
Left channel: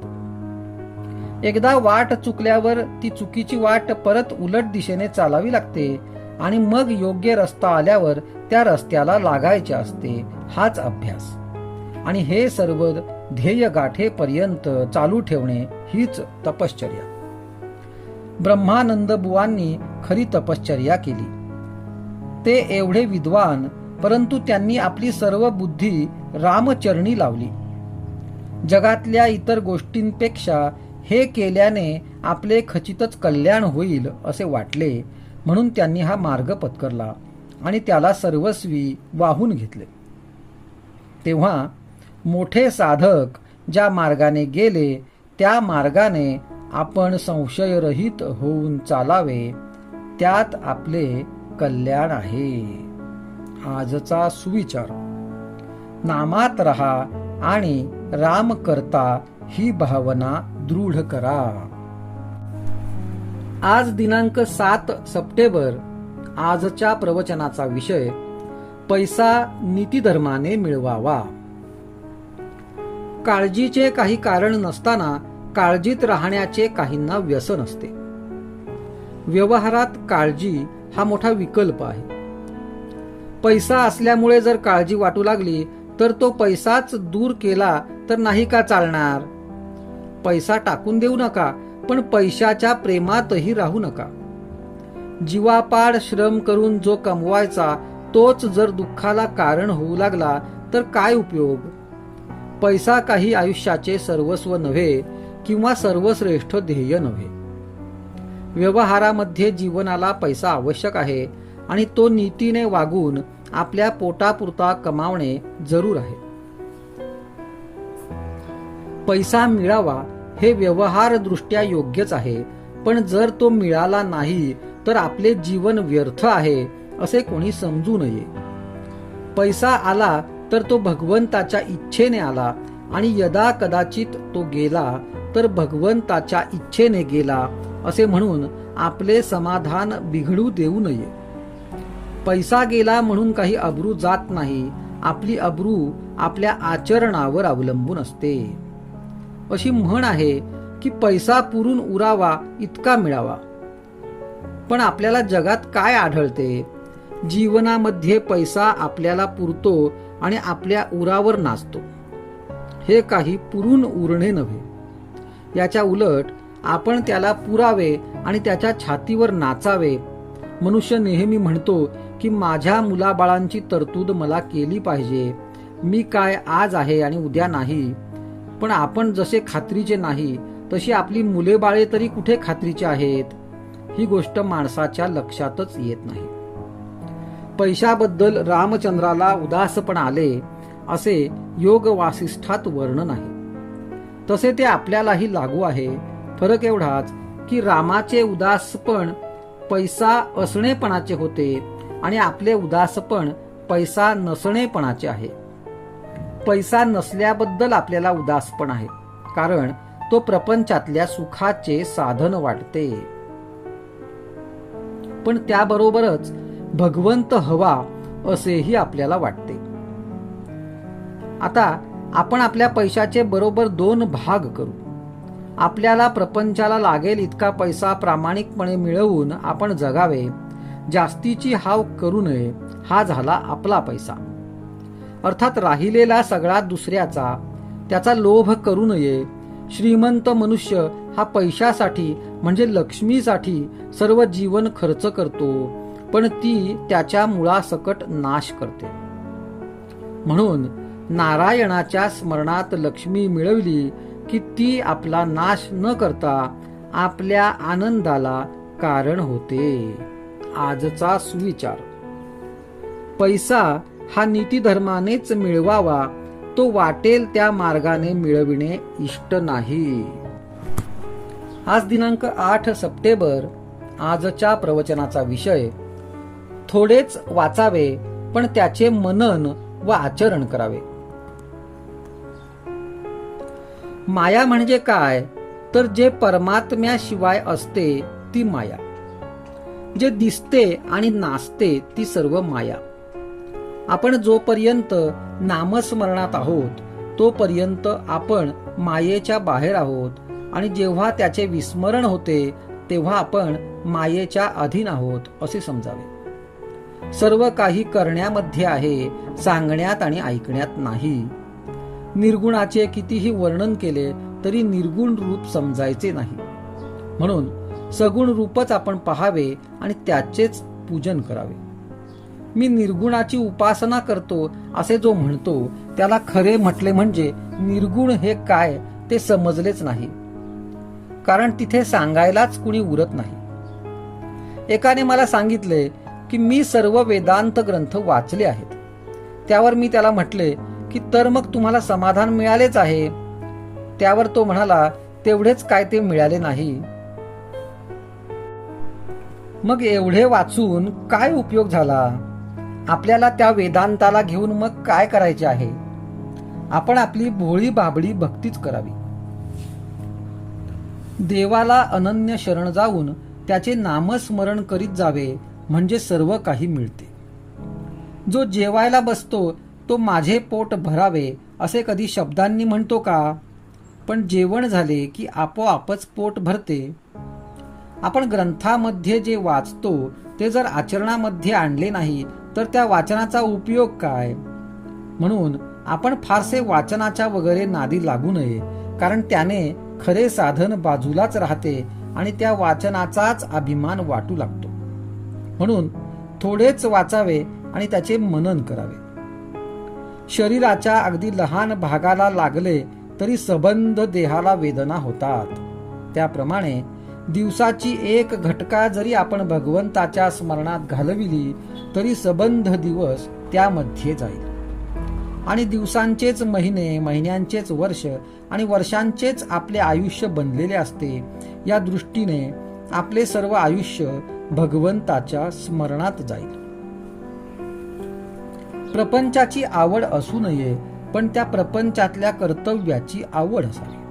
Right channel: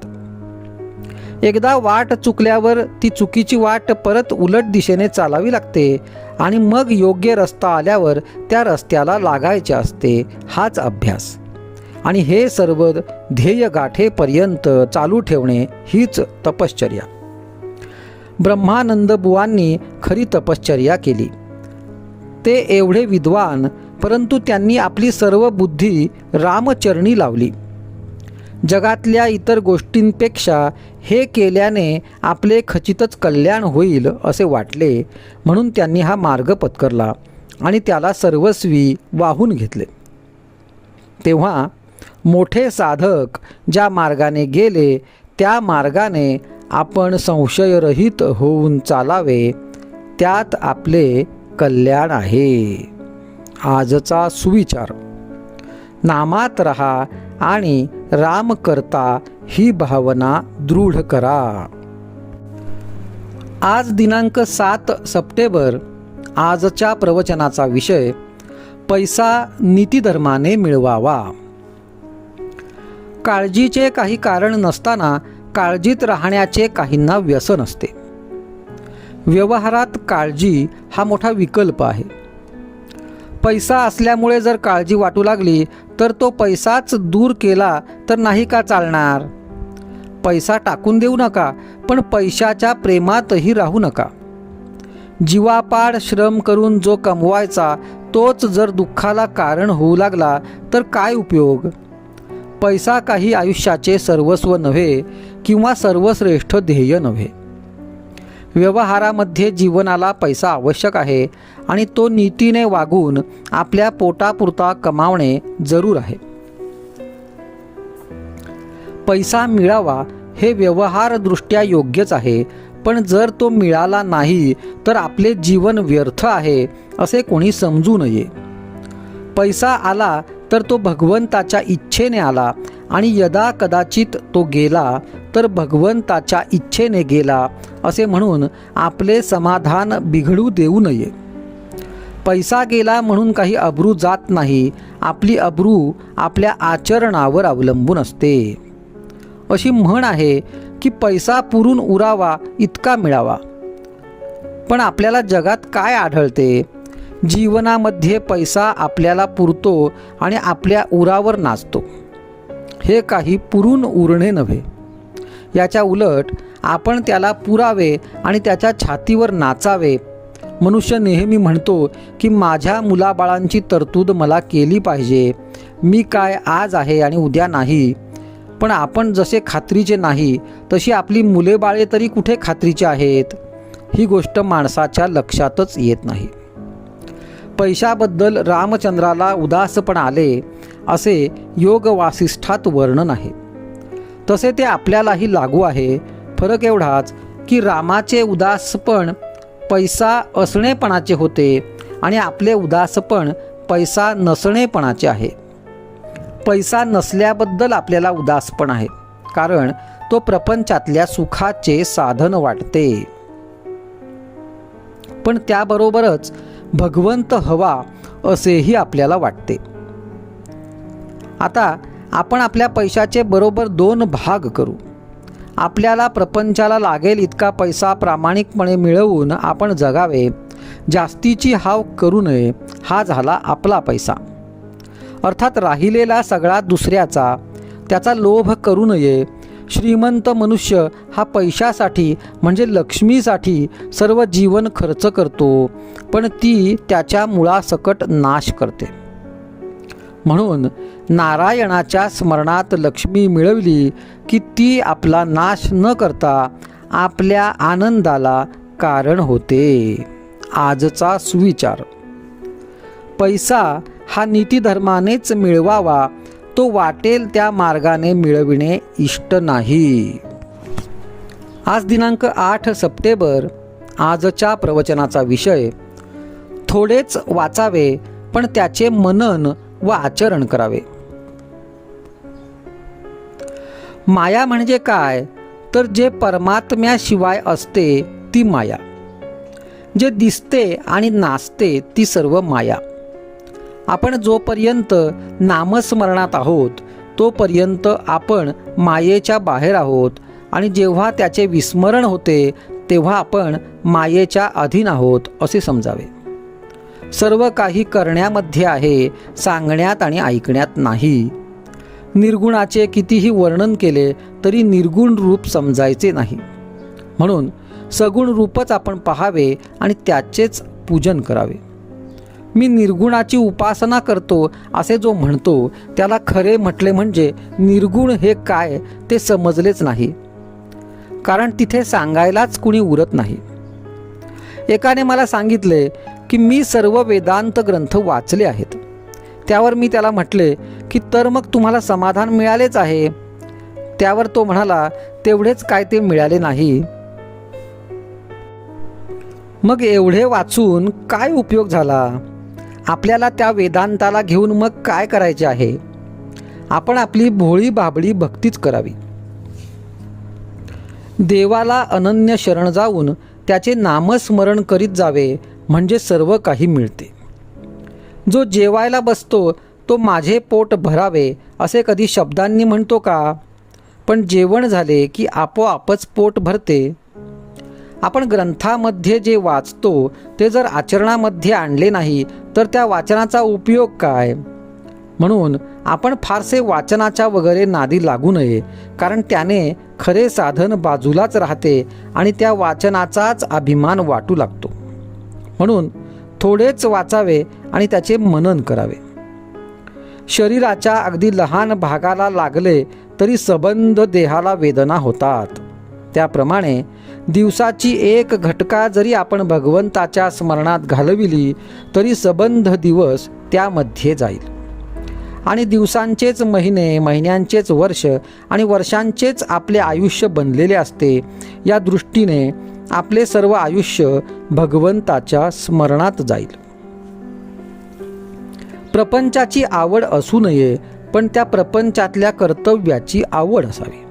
एकदा वाट चुकल्यावर ती चुकीची वाट परत उलट दिशेने चालावी लागते आणि मग योग्य रस्ता आल्यावर त्या रस्त्याला लागायचे असते. हाच अभ्यास आणि हे सर्व ध्येय गाठेपर्यंत चालू ठेवणे हीच तपश्चर्या. ब्रह्मानंद बुवांनी खरी तपश्चर्या केली. ते एवढे विद्वान, परंतु त्यांनी आपली सर्व बुद्धी रामचरणी लावली. जगातल्या इतर गोष्टींपेक्षा हे केल्याने आपले खचितच कल्याण होईल असे वाटले, म्हणून त्यांनी हा मार्ग पत्करला आणि त्याला सर्वस्वी वाहून घेतले. तेव्हा मोठे साधक ज्या मार्गाने गेले त्या मार्गाने आपण संशयरहित होऊन चालावे, त्यात आपले कल्याण आहे. आजचा सुविचार: नामात रहा आणि राम करता ही भावना दृढ करा. आज दिनांक 7 सप्टेंबर. आजच्या प्रवचनाचा विषय: पैसा नीतिधर्माने मिळवावा. काळजीचे काही कारण नसताना काळजीत राहण्याचे काहींना व्यसन असते. व्यवहारात काळजी हा मोठा विकल्प आहे. पैसा असल्यामुळे जर काळजी वाटू लागली तर तो पैसाच दूर केला तर नाही का चालणार? पैसा टाकून देऊ नका, पण पैशाच्या प्रेमातही राहू नका. जीवापाड श्रम करून जो कमवायचा तोच जर दुःखाला कारण होऊ लागला तर काय उपयोग? पैसा काही आयुष्याचे सर्वस्व नव्हे किंवा सर्वश्रेष्ठ ध्येय नव्हे. व्यवहारामध्ये जीवनाला पैसा आवश्यक आहे आणि तो नीतीने वागून आपल्या पोटापुरता कमावणे जरूर आहे. पैसा मिळावा हे व्यवहारदृष्ट्या योग्यच आहे, पण जर तो मिळाला नाही तर आपले जीवन व्यर्थ आहे असे कोणी समजू नये. पैसा आला तर तो भगवंताच्या इच्छेने आला आणि यदा कदाचित तो गेला तर भगवंताच्या इच्छेने गेला असे म्हणून आपले समाधान बिघडू देऊ नये. पैसा गेला म्हणून काही अब्रू जात नाही. आपली अब्रू आपल्या आचरणावर अवलंबून असते. अशी म्हण आहे की पैसा पुरून उरावा इतका मिळावा. पण आपल्याला जगात काय आढळते? जीवनामध्ये पैसा आपल्याला पुरतो आणि आपल्या उरावर नाचतो. हे काही पुरून उरणे नव्हे. याच्या उलट आपण त्याला पुरावे आणि त्याच्या छातीवर नाचावे. मनुष्य नेहमी म्हणतो की माझ्या मुलाबाळांची तरतूद मला केली पाहिजे. मी काय आज आहे आणि उद्या नाही. पण आपण जसे खात्रीचे नाही तशी आपली मुले बाळे तरी कुठे खात्रीचे आहेत? ही गोष्ट माणसाच्या लक्षातच येत नाही. पैशाबद्दल रामचंद्राला उदासपण आले असे योग वासिष्ठात वर्णन आहे. तसे ते आपल्यालाही लागू आहे. फरक एवढाच की रामाचे उदासपण पैसा असणेपणाचे होते आणि आपले उदासपण पैसा नसणेपणाचे आहे. पैसा नसल्याबद्दल आपल्याला उदासपण आहे, कारण तो प्रपंचातल्या सुखाचे साधन वाटते. पण त्याबरोबरच भगवंत हवा असेही आपल्याला वाटते. आता आपण आपल्या पैशाचे बरोबर 2 भाग करू. आपल्याला प्रपंचाला लागेल इतका पैसा प्रामाणिकपणे मिळवून आपण जगावे, जास्तीची हाव करू नये. हा झाला आपला पैसा. अर्थात राहिलेला सगळा दुसऱ्याचा, त्याचा लोभ करू नये. श्रीमंत मनुष्य हा पैशासाठी म्हणजे लक्ष्मीसाठी सर्व जीवन खर्च करतो, पण ती त्याच्या मुळासकट नाश करते. म्हणून नारायणाच्या स्मरणात लक्ष्मी मिळवली की ती आपला नाश न करता आपल्या आनंदाला कारण होते. आजचा सुविचार: पैसा हा नीतिधर्मानेच मिळवावा, तो वाटेल त्या मार्गाने मिळविणे इष्ट नाही. आज दिनांक 8 सप्टेंबर. आजच्या प्रवचनाचा विषय: थोडेच वाचावे पण त्याचे मनन व आचरण करावे. माया म्हणजे काय, तर जे परमात्म्याशिवाय असते ती माया. जे दिसते आणि नाचते ती सर्व माया. आपण जोपर्यंत नामस्मरणात आहोत तोपर्यंत आपण मायेच्या बाहेर आहोत, आणि जेव्हा त्याचे विस्मरण होते तेव्हा आपण मायेच्या अधीन आहोत असे समजावे. सर्व काही करण्यामध्ये आहे, सांगण्यात आणि ऐकण्यात नाही. निर्गुणाचे कितीही वर्णन केले तरी निर्गुण रूप समजायचे नाही. म्हणून सगुण रूपच आपण पाहावे आणि त्याचेच पूजन करावे. मी निर्गुणाची उपासना करतो असे जो म्हणतो त्याला खरे म्हटले म्हणजे निर्गुण हे काय ते समजलेच नाही, कारण तिथे सांगायलाच कुणी उरत नाही. एकाने मला सांगितले की मी सर्व वेदांत ग्रंथ वाचले आहेत. त्यावर मी त्याला म्हटले की तर मग तुम्हाला समाधान मिळालेच आहे. त्यावर तो म्हणाला, तेवढेच काय ते मिळाले नाही. मग एवढे वाचून काय उपयोग झाला? आपल्याला त्या वेदांताला घेऊन मग काय करायचे आहे? आपण आपली भोळी बाबडी भक्तीच करावी. देवाला अनन्य शरण जाऊन त्याचे नामस्मरण करीत जावे म्हणजे सर्व काही मिळते. जो जेवायला बसतो तो माझे पोट भरावे असे कधी शब्दांनी म्हणतो का? पण जेवण झाले की आपोआपच पोट भरते. आपण ग्रंथामध्ये जे वाचतो ते जर आचरणामध्ये आणले नाही तर त्या वाचनाचा उपयोग काय? म्हणून आपण फारसे वाचनाच्या वगैरे नादी लागू नये, कारण त्याने खरे साधन बाजूलाच राहते आणि त्या वाचनाचाच अभिमान वाटू लागतो. म्हणून थोडेच वाचावे आणि त्याचे मनन करावे. शरीराच्या अगदी लहान भागाला लागले तरी सबंध देहाला वेदना होतात. त्याप्रमाणे दिवसाची एक घटका जरी आपण भगवंताच्या स्मरणात घालविली तरी सबंध दिवस त्यामध्ये जाईल. आणि दिवसांचेच महिने, महिन्यांचेच वर्ष आणि वर्षांचेच आपले आयुष्य बनलेले असते. या दृष्टीने आपले सर्व आयुष्य भगवंताच्या स्मरणात जाईल. प्रपंचाची आवड असू नये, पण त्या प्रपंचातल्या कर्तव्याची आवड असावी.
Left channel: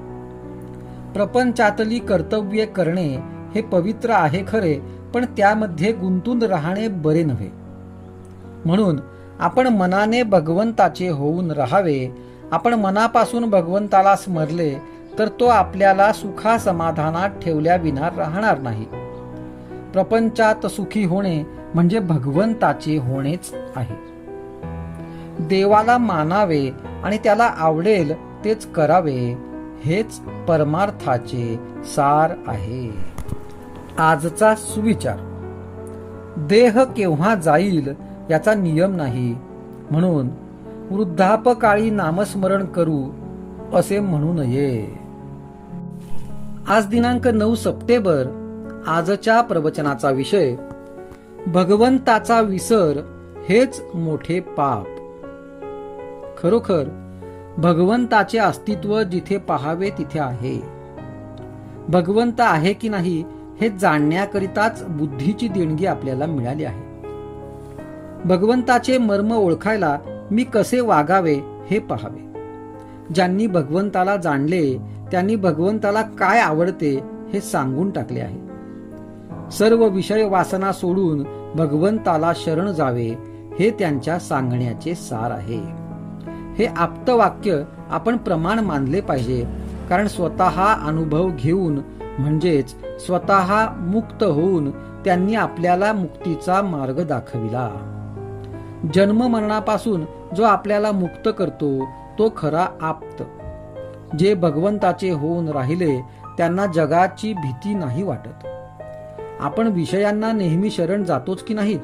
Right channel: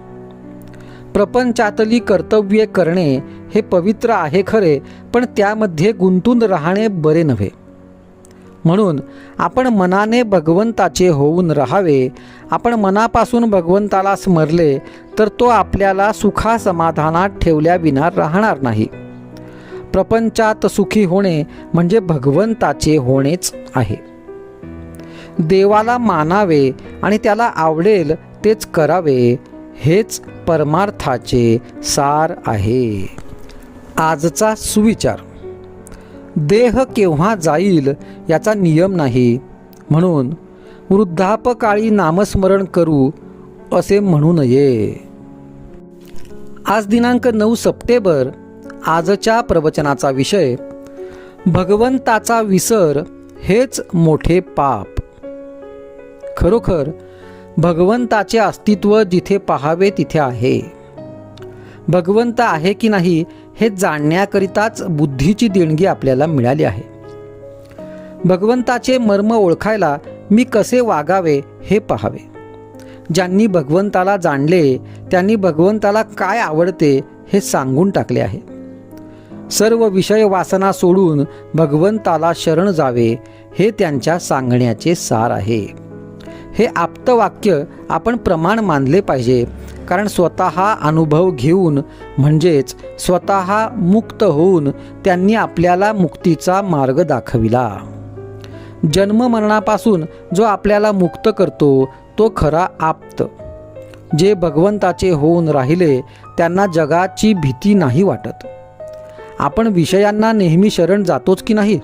प्रपंचातली कर्तव्ये करणे हे पवित्र आहे खरे, पण त्यामध्ये गुंतून राहणे बरे नव्हे. म्हणून आपण मनाने भगवंताचे होऊन राहावे. आपण मनापासून भगवंताला स्मरले तर तो आपल्याला सुखा समाधानात ठेवल्याविना राहणार नाही. प्रपंचात सुखी होणे म्हणजे भगवंताचे होणेच आहे. देवाला मानावे आणि त्याला आवडेल तेच करावे, हेच परमार्थाचे सार आहे. आजचा सुविचार: देह केव्हा जाईल याचा नियम नाही, म्हणून वृद्धापकाळी नामस्मरण करू असे म्हणू नये. आज दिनांक 9 सप्टेंबर. आजच्या प्रवचनाचा विषय: भगवंताचा विसर हेच मोठे पाप. खरोखर भगवंताचे अस्तित्व जिथे पाहावे तिथे आहे. भगवंत आहे की नाही हे जाणण्याकरिताच बुद्धीची देणगी आपल्याला मिळाली आहे. भगवंताचे मर्म ओळखायला मी कसे वागावे हे पाहावे. ज्यांनी भगवंताला जाणले त्यांनी भगवंताला काय आवडते हे सांगून टाकले आहे. सर्व विषय वासना सोडून भगवंताला शरण जावे हे त्यांच्या सांगण्याचे सार आहे. हे आप्तवाक्य आपण प्रमाण मानले पाहिजे, कारण स्वतः अनुभव घेऊन म्हणजेच स्वतः मुक्त होऊन त्यांनी आपल्याला मुक्तीचा मार्ग दाखविला. जन्ममरणापासून जो आपल्याला मुक्त करतो तो खरा आप्त. जे भगवंताचे होऊन राहिले त्यांना जगाची भीती नाही वाटत. आपण विषयांना नेहमी शरण जातोच की नाही,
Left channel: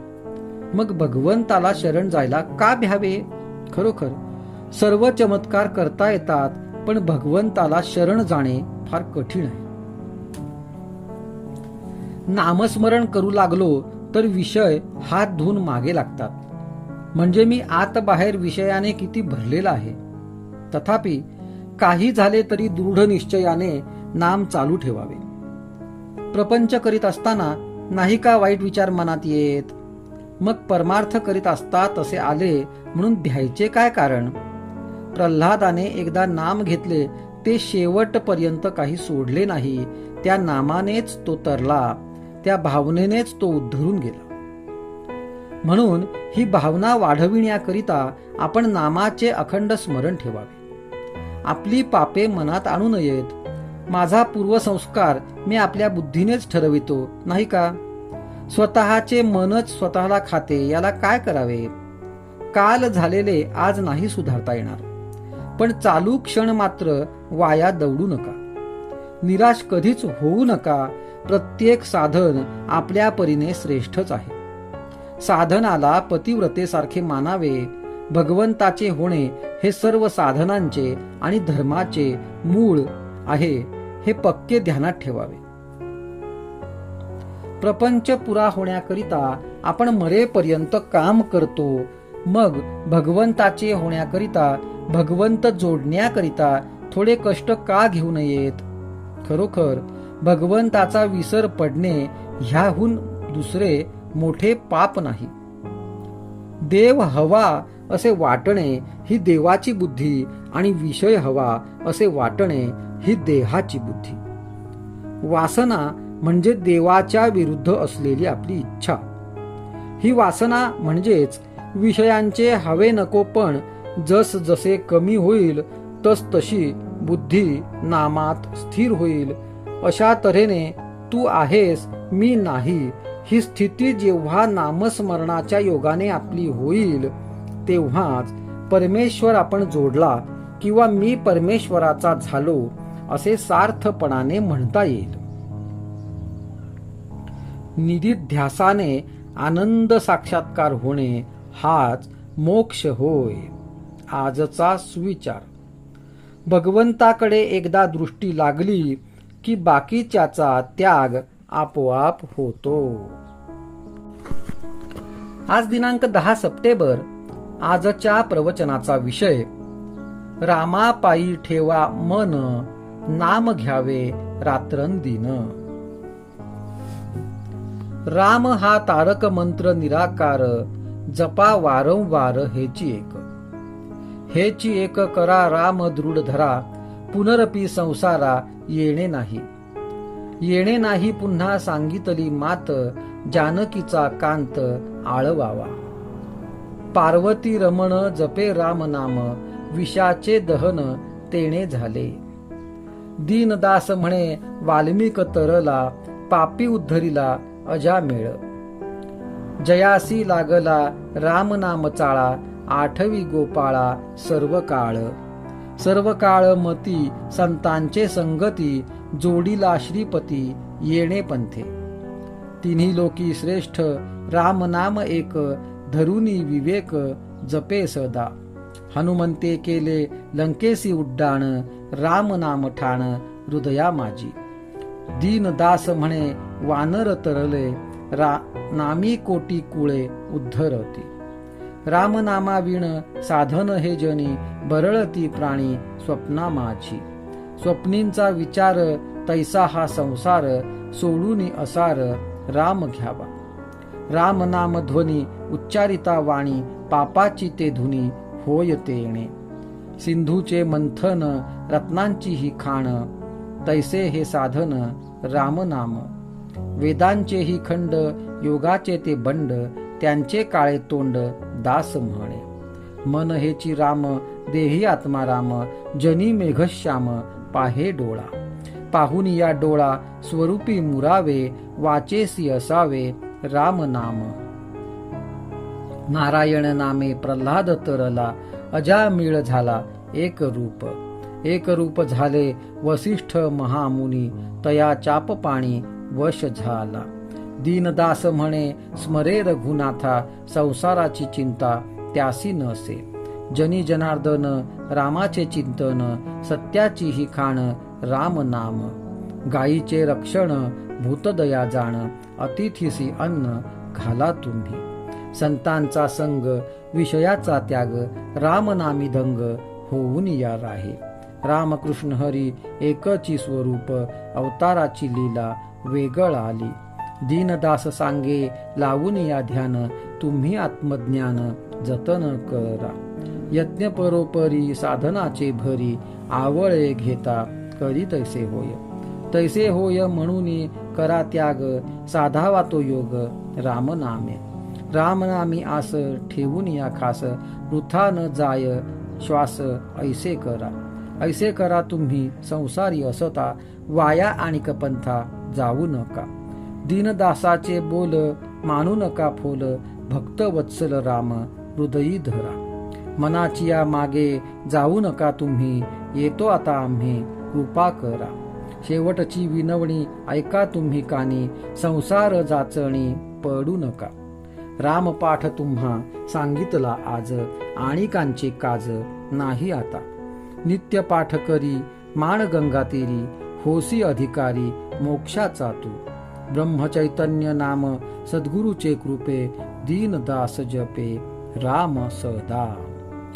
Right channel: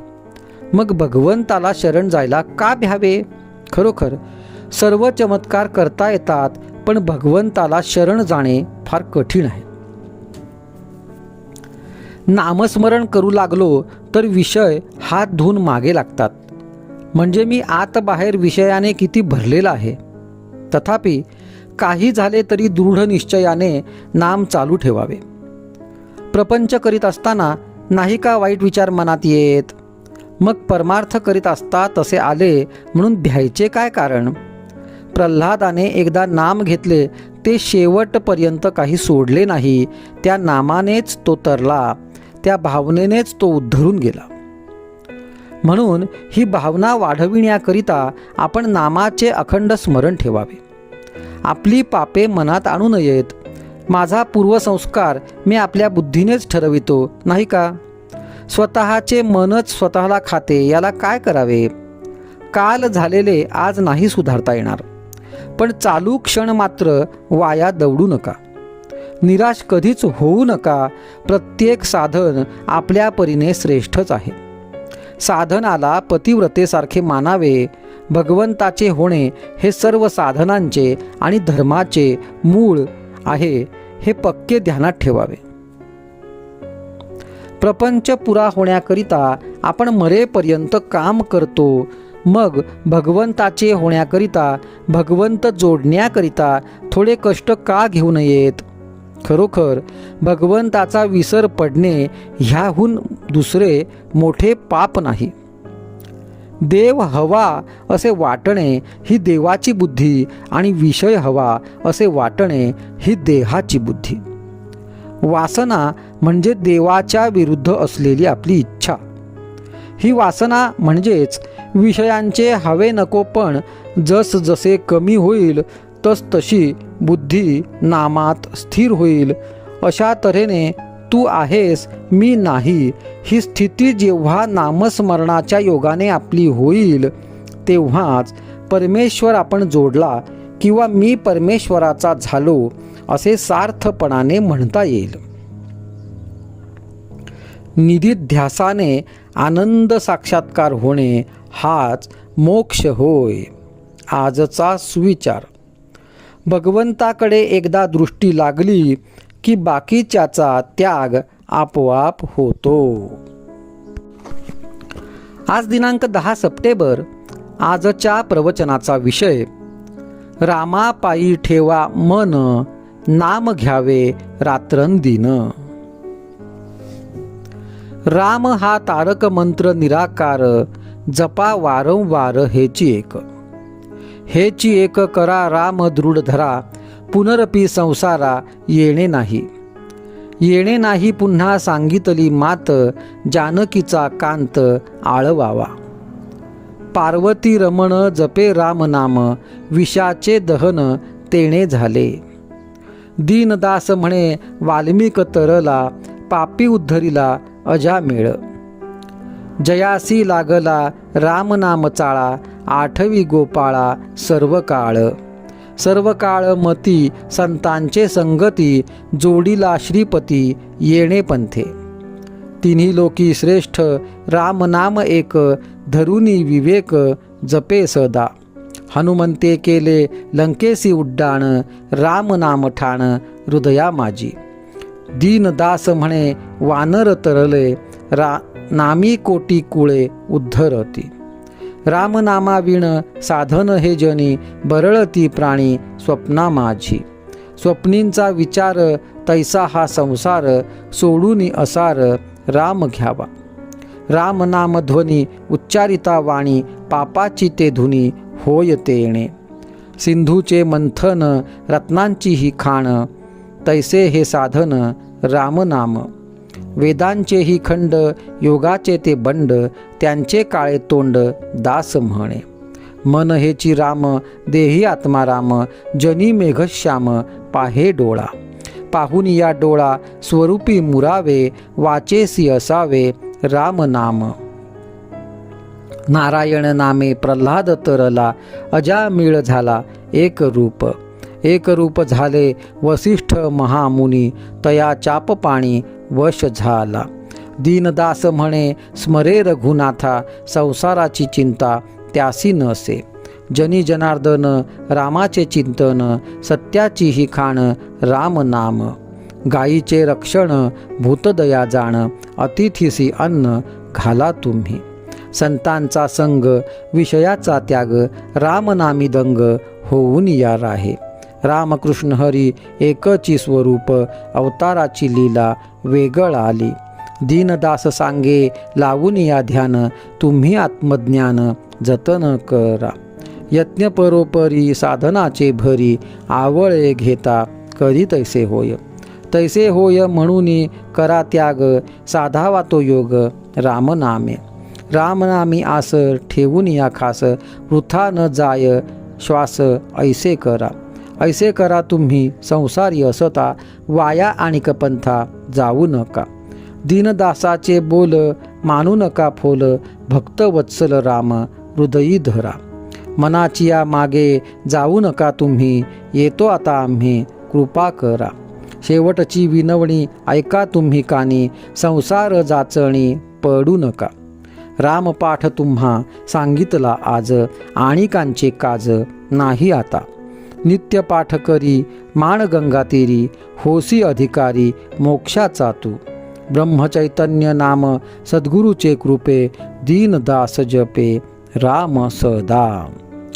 मग भगवंताला शरण जायला का भ्यावे? खरोखर सर्व चमत्कार करता येतात, पण भगवंताला शरण जाणे फार कठीण आहे. नामस्मरण करू लागलो तर विषय हात धुवून मागे लागतात. म्हणजे मी आत बाहेर विषयाने किती भरलेला आहे. तथापि काही झाले तरी दृढ निश्चयाने नाम चालू ठेवावे. प्रपंच करीत असताना नाही का वाईट विचार मनात येत? मग परमार्थ करीत असता तसे आले म्हणून भ्यायचे काय कारण? प्रल्हादाने एकदा नाम घेतले ते शेवटपर्यंत काही सोडले नाही. त्या नामानेच तो तरला, त्या भावनेनेच तो उद्धरून गेला. म्हणून ही भावना वाढविण्याकरिता आपण नामाचे अखंड स्मरण ठेवावे. आपली पापे मनात आणू नयेत. माझा पूर्वसंस्कार मी आपल्या बुद्धीनेच ठरवितो, नाही का? स्वतःचे मनच स्वतःला खाते, याला काय करावे? काल झालेले आज नाही सुधारता येणार, पण चालू क्षण मात्र वाया दवडू नका. निराश कधीच होऊ नका. प्रत्येक साधन आपल्या परीने श्रेष्ठच आहे. साधनाला पतिव्रतेसारखे मानावे. भगवंताचे होणे हे सर्व साधनांचे आणि धर्माचे मूळ आहे, हे पक्के ध्यानात ठेवावे. प्रपंच पुरा होण्याकरिता आपण मरेपर्यंत काम करतो. मग भगवंताचे होण्याकरिता, भगवंत जोडण्याकरिता थोडे कष्ट का घेऊ नयेत? खरोखर भगवंताचा विसर पडणे ह्याहून दुसरे मोठे पाप नाही. देव हवा असे वाटणे ही देवाची बुद्धी आणि विषय हवा असे वाटणे ही देहाची बुद्धी. वासना म्हणजे देवाच्या विरुद्ध असलेली आपली इच्छा. ही वासना म्हणजेच विषयांचे हवे नकोपण जस जसे कमी होईल तस तशी बुद्धी नामात स्थिर होईल. अशा तऱ्हेने तू आहेस मी नाही ही स्थिती जेव्हा नामस्मरणाच्या योगाने आपली होईल तेव्हाच परमेश्वर आपण जोडला किंवा मी परमेश्वराचा झालो असे सार्थपणाने म्हणता येईल. निधिध्यासाने आनंद साक्षात्कार होणे हाच मोक्ष होय. आजचा सुविचार. भगवंताकडे एकदा दृष्टी लागली की बाकीच्याचा त्याग आपोआप होतो. आज दिनांक 10 सप्टेंबर. आजच्या प्रवचनाचा विषय रामापायी ठेवा मन, नाम घ्यावे रात्रंदिन. राम हा तारक मंत्र निराकार, जपा वारंवार हेची एक. हेची एक करा राम दृढ धरा, पुनरपी संसारा येणे नाही. येणे नाही पुन्हा सांगितली मात, जानकीचा कांत आळवावा. पार्वती रमण जपे राम नाम, विषाचे दहन तेणे झाले. दीनदास म्हणे वाल्मिक तरला, पापी उद्धरिला अजामेळ. जयासी लागला राम नाम चाळा, आठवी गोपाळा सर्व काळ. सर्व काळ मती संतांचे संगती, जोडीला श्रीपती येणे पंथे. तिन्ही लोकी श्रेष्ठ राम नाम एक, धरुनी विवेक जपे सदा. हनुमंते केले लंकेसी उड्डाण, राम नाम ठाण हृदया माझी. दीनदास म्हणे वानर तरले, नामी कोटी कुळे उद्धरती. रामनामाविण साधन हे जनी, बरळती प्राणी स्वप्ना माझी. स्वप्नींचा विचार तैसा हा संसार, सोडूनी असार राम घ्यावा. राम नाम ध्वनी उच्चारिता वाणी, पापाची ते धुनी होय ते येणे. सिंधूचे मंथन रत्नांची ही खाण, तैसे हे साधन रामनाम. वेदांचेही खंड योगाचे ते बंड, त्यांचे काळे तोंड दास म्हणे. मन हेची राम देही आत्माराम, जनी मेघश्याम पाहे डोळा. पाहून या डोळा स्वरूपी मुरावे, वाचेसी असावे राम नाम. नारायण नामे प्रल्हाद तरला, अजामिळ झाला एक रूप. एक रूप झाले वसिष्ठ महामुनी, तया चाप पाणी वश झाला. दीनदास म्हणे स्मरे रघुनाथा, संसाराची चिंता त्यासी नसे. जनी जनार्दन रामाचे चिंतन, सत्याची ही खाण राम नाम. गायीचे रक्षण भूतदया जाण, अतिथीसी अन्न घाला तुम्ही. संतांचा संग विषयाचा त्याग, रामनामी दंग होऊन या राहे. रामकृष्ण हरी एकची स्वरूप, अवताराची लीला वेगळ आली. दीनदास सांगे लावून या ध्यान, तुम्ही आत्मज्ञान जतन करा. यज्ञ परोपरी साधनाचे भरी, आवळे घेता करी तैसे होय. तैसे होय म्हणून करा त्याग, साधावा तो योग रामनामे. रामनामी आस ठेवून या खास, वृथा न जाय श्वास ऐसे करा. ऐसे करा तुम्ही संसारी असता, वाया आणि कपंथा जाऊ नका. दीनदासाचे बोल मानू नका फोल, भक्त वत्सल राम हृदयी धरा. मनाची या मागे जाऊ नका तुम्ही, येतो आता आम्ही कृपा करा. शेवटची विनवणी ऐका तुम्ही कानी, संसार जाचणी पडू नका. रामपाठ तुम्हा सांगितला आज, आणिकांचे काज नाही आता. नित्य पाठ करी मान गंगा तेरी, होसी अधिकारी मोक्षाचा तू. ब्रह्मचैतन्य नाम सद्गुरूचे कृपे, दीनदास जपे राम सदा.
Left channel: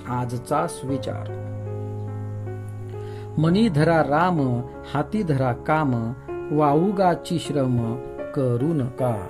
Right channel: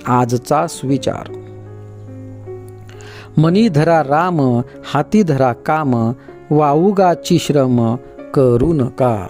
आजचा विचार. मनी धरा राम, हाती धरा काम, वाऊगाची श्रम करू नका.